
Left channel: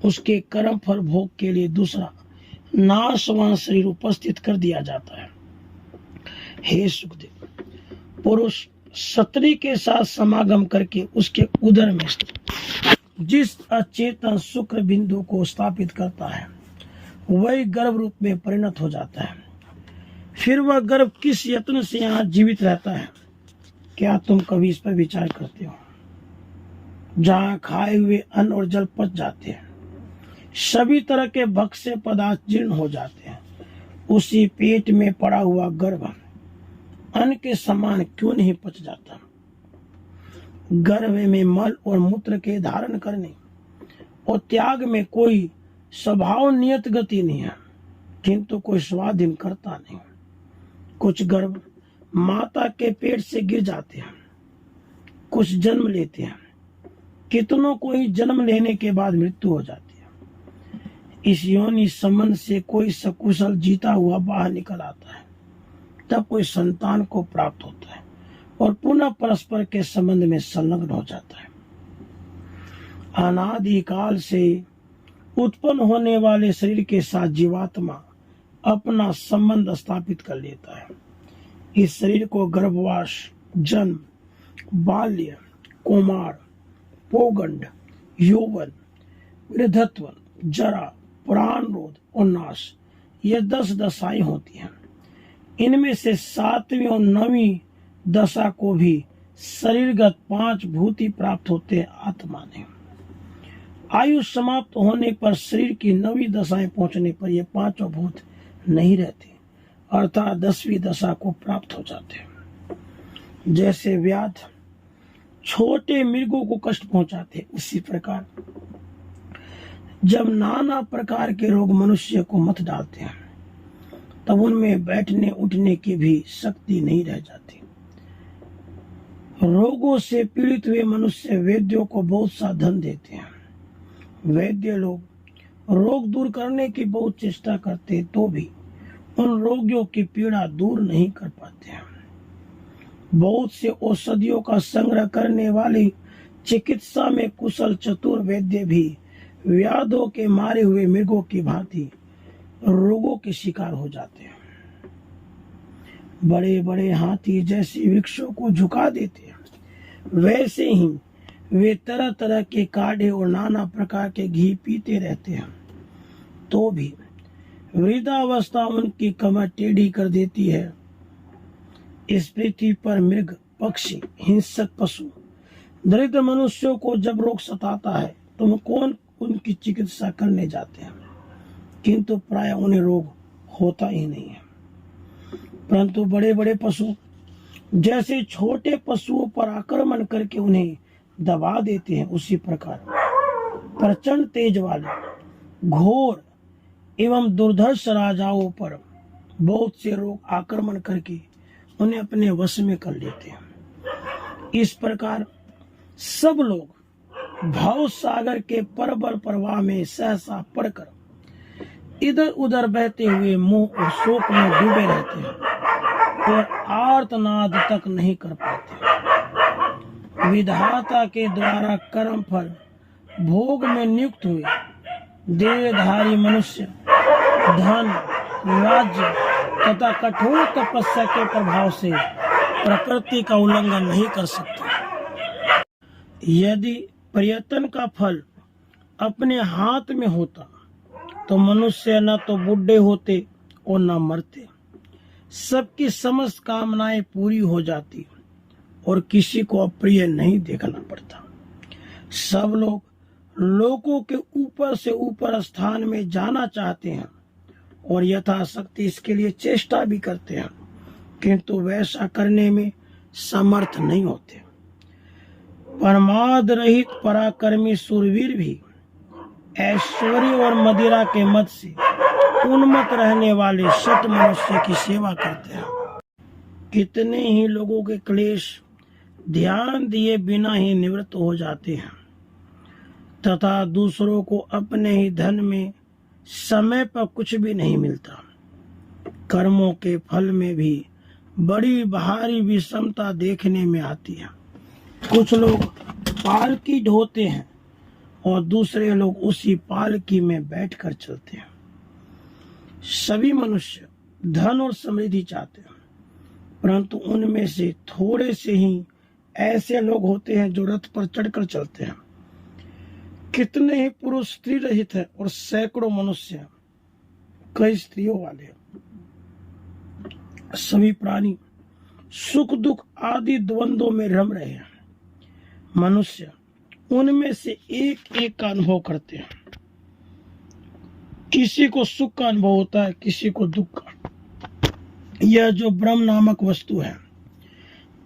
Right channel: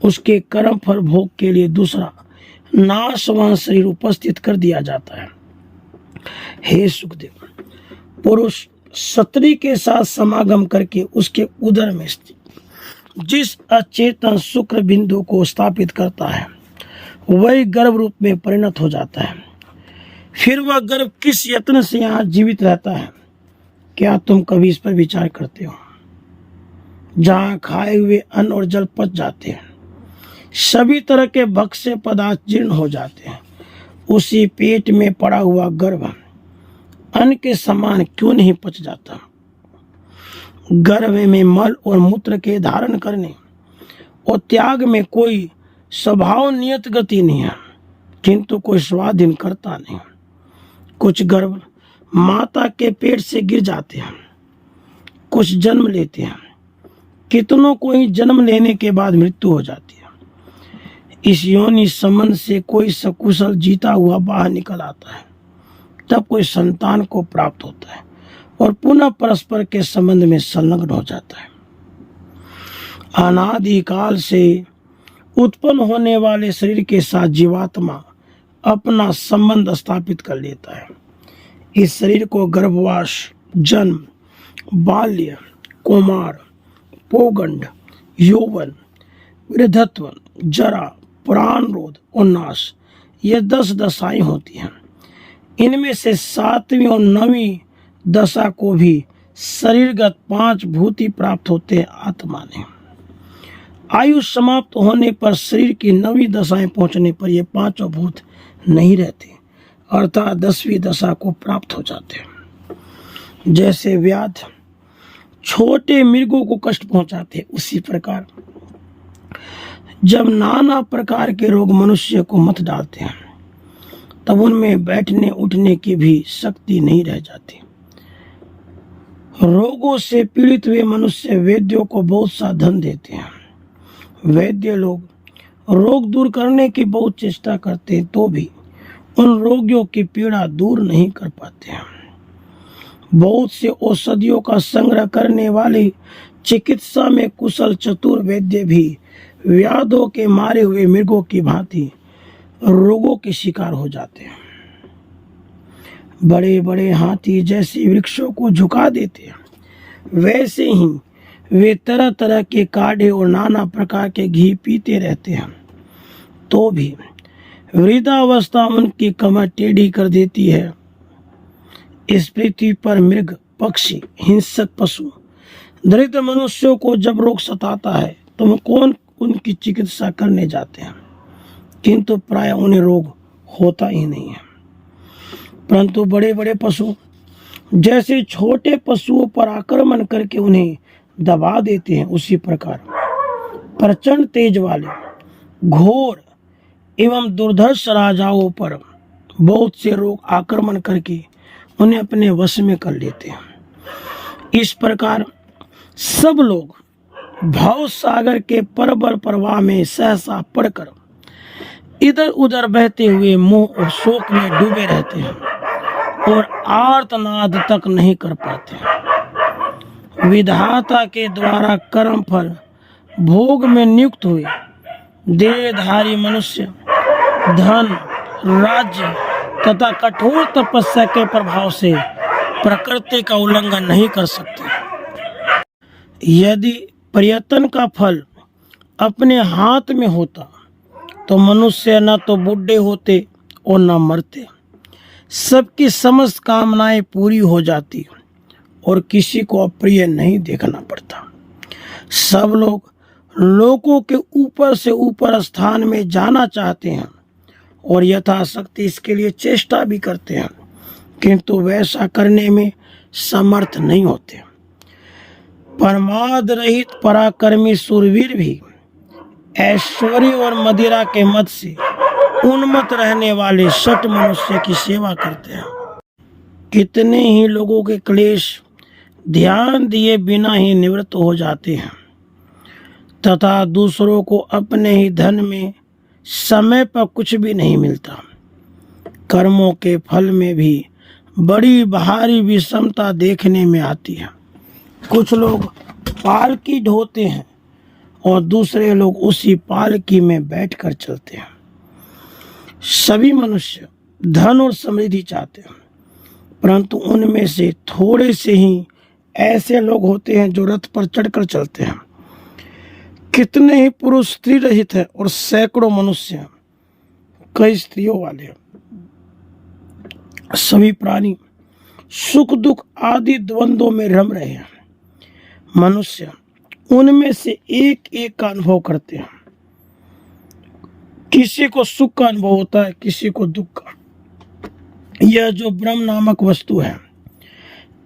उसके कर्म फल भोग के लिए दूसरा नाशवान शरीर उपस्थित कर दिया जाता है। हे सुखदेव, पुरुष स्त्री के साथ समागम करके उसके उदर में जिस अचेतन शुक्र बिंदु को स्थापित करता है वही गर्भ रूप में परिणत हो जाता है। फिर वह गर्भ किस यत्न से यहाँ जीवित रहता है, क्या तुम कभी इस पर विचार करते हो? जहाँ खाए हुए अन्न और जल पच जाते हैं, सभी तरह के भक्ष्य पदार्थ जीर्ण हो जाते हैं, उसी पेट में पड़ा हुआ गर्भ अन्न के समान क्यों नहीं पच जाता? गर्भ में मल और मूत्र के धारण करने और त्याग में कोई स्वभाव नियत गति नहीं है, किंतु कोई स्वाधीन करता नहीं। कुछ गर्भ माता के पेट से गिर जाते हैं, कुछ जन्म लेते हैं, कितनों को ही जन्म लेने के बाद मृत्यु हो जाती है। इस योनि संबंध से कोई सकुशल जीता हुआ बाहर निकल आता है, तब कोई संतान को प्राप्त होता है और पुनः परस्पर के संबंध में संलग्न हो जाता है। अनादिकाल से उत्पन्न होने वाले शरीर के साथ जीवात्मा अपना संबंध स्थापित कर लेता है। इस शरीर को गर्भवास, जन्म, बाल्य, कौमार, पौगंड, यौवन, वृद्धत्व, जरा, प्राणरोध और नाश, ये 10 दशाएं होती हैं। इनमें से 7वीं और 9वीं दशा को भी शरीरगत 5 भूत ही प्राप्त होते हैं आत्मा ने। आयु समाप्त होने पर शरीर की 9वीं दशाएं पहुंचने पर ये 5 भूत नहीं रहते, अर्थात 10वीं दशा को प्राप्त हो जाते हैं। जैसे व्याध छोटे मृगों को कष्ट पहुंचाते, उसी प्रकार जब नाना प्रकार के रोग मनुष्य को मत डालते हैं, तब उनमें बैठने उठने की भी शक्ति नहीं रह जाती। रोगों से पीड़ित हुए मनुष्य वैद्यों को बहुत सा धन देते हैं। वैद्य लोग रोग दूर करने की बहुत चेष्टा करते तो भी उन रोगियों की पीड़ा दूर नहीं कर पाते हैं। बहुत से औषधियों का संग्रह करने वाली चिकित्सा में कुशल चतुर वैद्य भी व्याधों के मारे हुए मृगों की भांति रोगों के शिकार हो जाते हैं। बड़े बड़े हाथी जैसे वृक्षों को झुका देते हैं, वैसे ही वे तरह तरह के काढ़े और नाना प्रकार के घी पीते रहते हैं, तो भी वृद्धावस्था उनकी कमर टेढ़ी कर देती है। इस पृथ्वी पर मृग, पक्षी, हिंसक पशु, दरिद्र मनुष्यों को जब रोग सताता है तो कौन उनकी चिकित्सा करने जाते हैं, किंतु प्राय उन्हें रोग होता ही नहीं है। परंतु बड़े बड़े पशु जैसे छोटे पशुओं पर आक्रमण करके उन्हें दबा देते हैं, उसी प्रकार प्रचंड तेज वाले, घोर एवं दुर्धर्ष राजाओं पर बहुत से रोग आक्रमण करके उन्हें अपने वश में कर लेते हैं। इस प्रकार सब लोग भाव सागर के प्रबल प्रवाह में सहसा पड़कर इधर उधर बहते हुए मोह और शोक में डूबे रहते हैं और आर्तनाद तक नहीं कर पाते। विधाता के द्वारा कर्म फल भोग में नियुक्त हुए देहधारी मनुष्य धन, राज्य तथा कठोर तपस्या के प्रभाव से प्रकृति का उल्लंघन नहीं कर सकते। यदि प्रयत्न का फल अपने हाथ में होता तो मनुष्य न तो बूढ़े होते और न मरते, सबकी समस्त कामनाएं पूरी हो जाती और किसी को अप्रिय नहीं देखना पड़ता। सब लोग लोगों के ऊपर से ऊपर स्थान में जाना चाहते हैं और यथाशक्ति इसके लिए चेष्टा भी करते हैं, किंतु वैसा करने में समर्थ नहीं होते। परमाद रहित पराक्रमी सूरवीर भी ऐश्वर्य और मदिरा के मद से उन्मत्त रहने वाले शठ मनुष्य की सेवा करते हैं। कितने ही लोगों के क्लेश ध्यान दिए बिना ही निवृत्त हो जाते हैं तथा दूसरों को अपने ही धन में समय पर कुछ भी नहीं मिलता। कर्मों के फल में भी बड़ी भारी विषमता देखने में आती है। कुछ लोग पालकी ढोते हैं और दूसरे लोग उसी पालकी में बैठकर चलते हैं। सभी मनुष्य धन और समृद्धि चाहते हैं, परंतु उनमें से थोड़े से ही ऐसे लोग होते हैं जो रथ पर चढ़कर चलते हैं। कितने ही पुरुष स्त्री रहित हैं और सैकड़ों मनुष्य कई स्त्रियों वाले हैं। सभी प्राणी सुख दुख आदि द्वंद्वों में रम रहे हैं। मनुष्य उनमें से एक एक का अनुभव करते हैं। किसी को सुख का अनुभव होता है, किसी को दुख का। यह जो ब्रह्म नामक वस्तु है,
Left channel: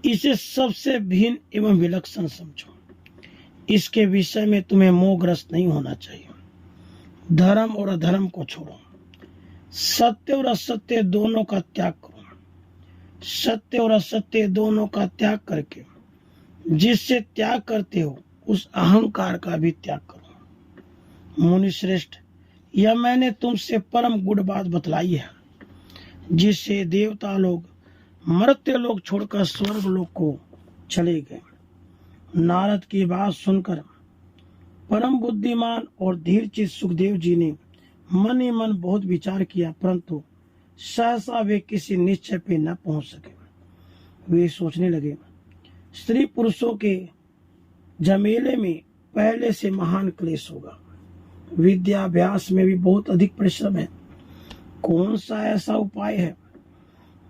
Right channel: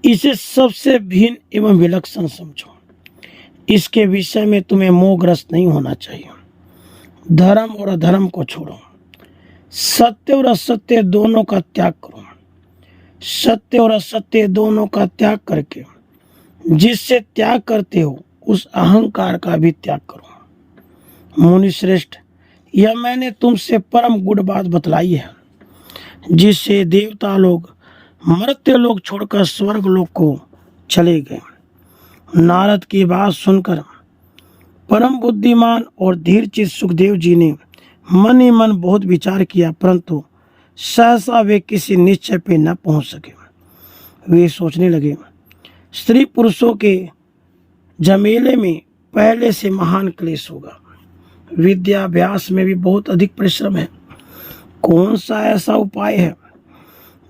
इसे सबसे भिन्न एवं विलक्षण समझो। इसके विषय में तुम्हें मोहग्रस्त नहीं होना चाहिए। धर्म और अधर्म को छोड़ो, सत्य और असत्य दोनों का त्याग करो। सत्य और असत्य दोनों का त्याग करके जिससे त्याग करते हो उस अहंकार का भी त्याग करो। मुनि श्रेष्ठ, यह मैंने तुमसे परम गुड़ बात बतलाई है, जिससे देवता लोग मर्त्य लोग छोड़कर स्वर्ग लोक को चले गए। नारद की बात सुनकर परम बुद्धिमान और धीरचित सुखदेव जी ने मन ही मन बहुत विचार किया, परंतु सहसा वे किसी निश्चय पे न पहुंच सके। वे सोचने लगे, स्त्री पुरुषों के झमेले में पहले से महान क्लेश होगा, विद्याभ्यास में भी बहुत अधिक परिश्रम है। कौन सा ऐसा उपाय है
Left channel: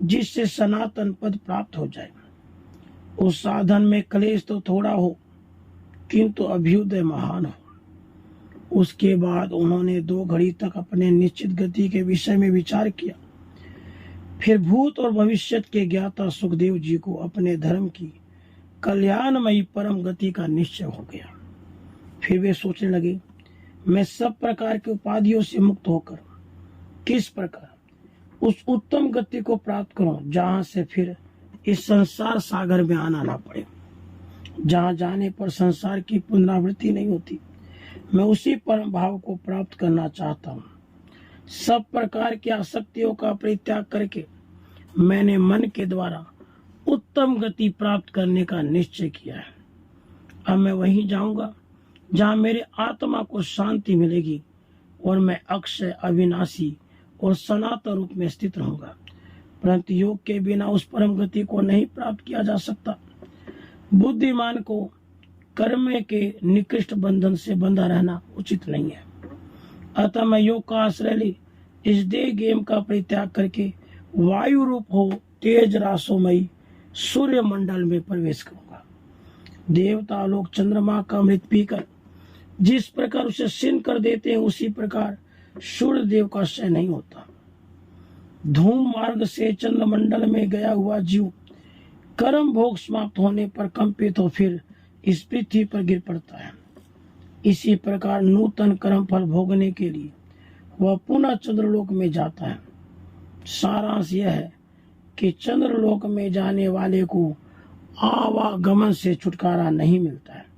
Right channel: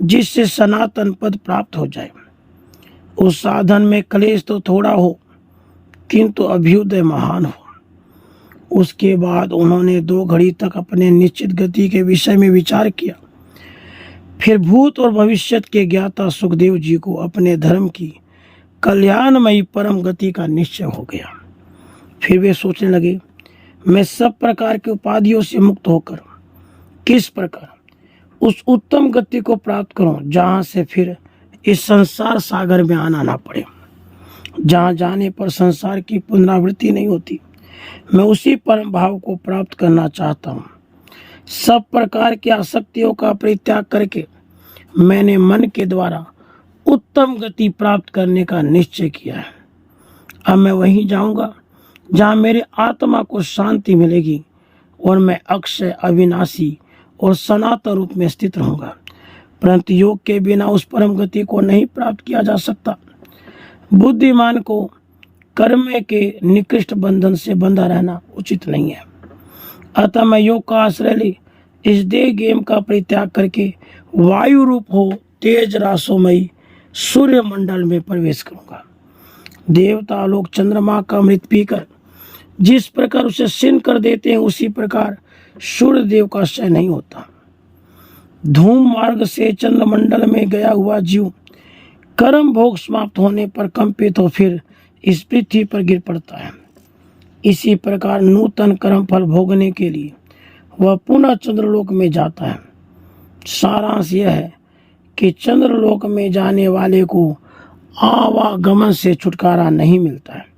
जिससे सनातन पद प्राप्त हो जाए? उस साधन में क्लेश तो थोड़ा हो किंतु अभ्युदय महान हो। उसके बाद उन्होंने 2 घड़ी तक अपने निश्चित गति के विषय में विचार किया। फिर भूत और भविष्य के ज्ञाता सुखदेव जी को अपने धर्म की कल्याणमयी परम गति का निश्चय हो गया। फिर वे सोचने लगे, मैं सब प्रकार के उपाधियों से मुक्त होकर किस प्रकार उस उत्तम गति को प्राप्त करूं जहां से फिर इस संसार सागर में आना ना पड़े, जहां जाने पर संसार की पुनरावृत्ति नहीं होती। मैं उसी परम भाव को प्राप्त करना चाहता हूँ। सब प्रकार की आसक्तियों का परित्याग करके मैंने मन के द्वारा उत्तम गति प्राप्त करने का निश्चय किया है। अब मैं वहीं जाऊंगा जहाँ मेरे आत्मा को शांति मिलेगी और मैं अक्षय, अविनाशी और सनातन रूप में स्थित रहूंगा। परंतु योग के बिना उस परम गति को नहीं प्राप्त किया जा सकता। बुद्धिमान को कर्म के निकृष्ट बंधन से बंधा रहना उचित नहीं है। अतः मैं योग का आश्रय ले इस देह गेम का परित्याग करके वायु रूप हो तेज रासोमयी सूर्य मंडल में प्रवेश करूंगा। देवता लोग चंद्रमा का अमृत पीकर जिस प्रकार उसे सिन कर देते हैं, उसी प्रकार सूर्य देव का क्षय नहीं होता। धूम मार्ग से चंद्रमंडल में गया हुआ जीव कर्म भोग समाप्त होने पर कंपित हो फिर इस पृथ्वी पर गिर पड़ता है। इसी प्रकार नूतन कर्म फल भोगने के लिए वह पुनः चंद्रलोक में जाता है। सारांश यह है कि चंद्रलोक में जाने वाले को आवागमन से छुटकारा नहीं मिलता है।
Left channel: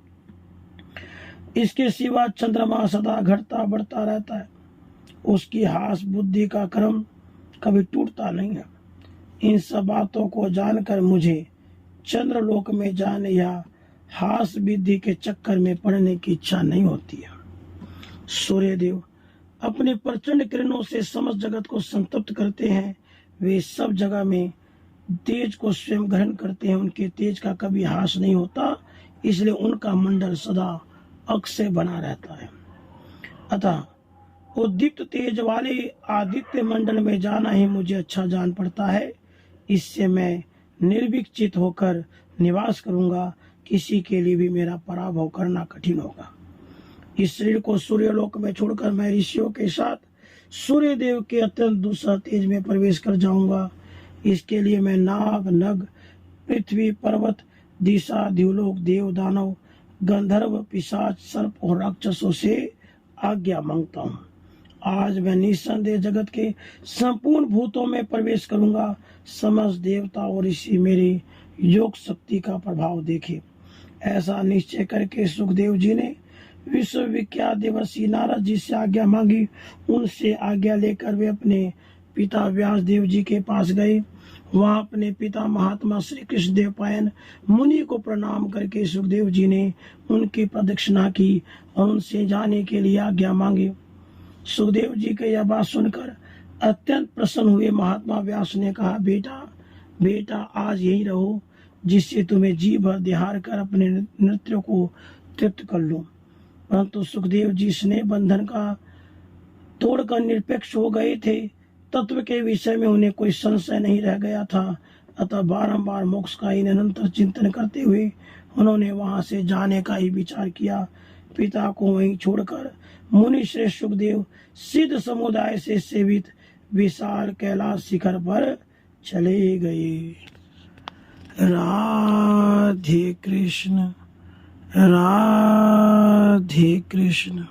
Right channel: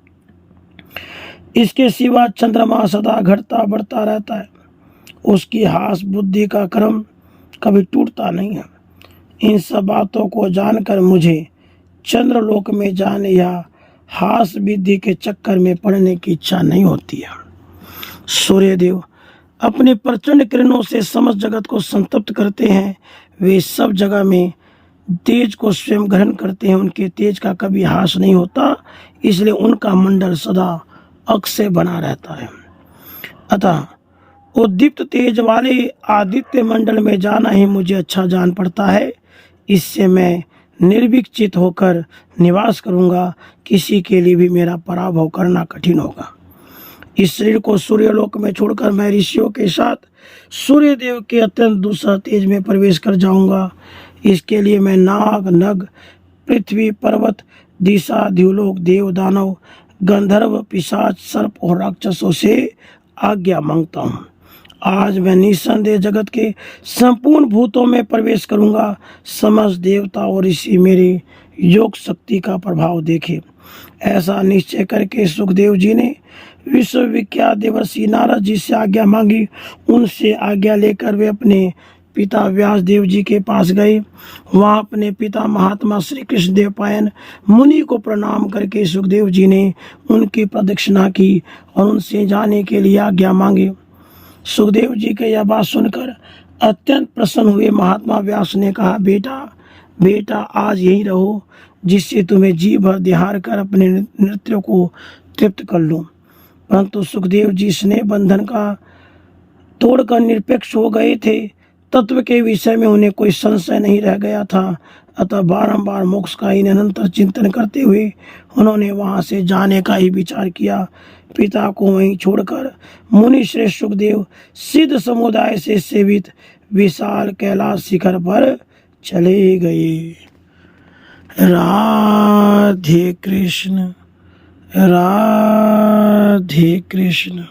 इसके सिवा चंद्रमा सदा घटता बढ़ता रहता है। उसकी हास बुद्धि का क्रम कभी टूटता नहीं है। इन सब बातों को जानकर मुझे चंद्रलोक में जाने या हास विधि के चक्कर में पड़ने की इच्छा नहीं होती है। सूर्यदेव अपने प्रचंड किरणों से समस्त जगत को संतप्त करते हैं। वे सब जगह में तेज को स्वयं ग्रहण करते हैं। उनके तेज का कभी हास नहीं होता, इसलिए उनका मंडल सदा अक्षय बना रहता है। अतः उद्दीप्त तेज वाले आदित्य मंडल में जाना ही मुझे अच्छा जान पड़ता है। इससे मैं निर्विकचित होकर निवास करूंगा। किसी के लिए भी मेरा पराभव करना कठिन होगा। इस शरीर को सूर्यलोक में छोड़कर मैं ऋषियों के साथ सूर्यदेव के अत्यंत दूसरा तेज में प्रवेश कर जाऊंगा। इसके लिए मैं नाग, नग, पृथ्वी, पर्वत, दिशा, द्युलोक, देव, दानव, गंधर्व, पिशाच, सर्प और राक्षसों से आज्ञा मांगता हूँ। आज मैं निस्संदेह जगत के संपूर्ण भूतों में प्रवेश करूंगा। समस्त देवता और ऋषि मेरी योग शक्ति का प्रभाव देखे। ऐसा निश्चय करके सुखदेव जी ने विश्वविख्यात देवर्षि नारद जी से आज्ञा मांगी। उनसे आज्ञा लेकर वे अपने पिता व्यास देव जी के पास गए। वहाँ अपने पिता महात्मा श्री कृष्ण देव पायन मुनि को प्रणाम करके सुखदेव जी ने उनकी प्रदक्षिणा की और उनसे जाने के लिए आज्ञा मांगी। सुखदेव जी के यह बात सुनकर अत्यंत प्रसन्न हुए महात्मा व्यास ने कहा, बेटा आज यहीं रहो, जिससे तुम्हें जी भर दिहार कर अपने नृत्य को तृप्त कर लूं। परंतु सुखदेव जी स्नेह बंधन का तोड़कर निरपेक्ष हो गए थे। तत्व के विषय में उन्हें कोई संशय नहीं रह गया था। अतः बारंबार मोक्ष का ही निरंतर चिंतन करते हुए उन्होंने वहां से जाने का ही विचार किया। पिता को वहीं छोड़कर मुनि श्रेष्ठ सुखदेव सिद्ध समुदाय से सेवित विशाल कैलाश शिखर पर चले गए। राधे कृष्ण, राधे कृष्ण।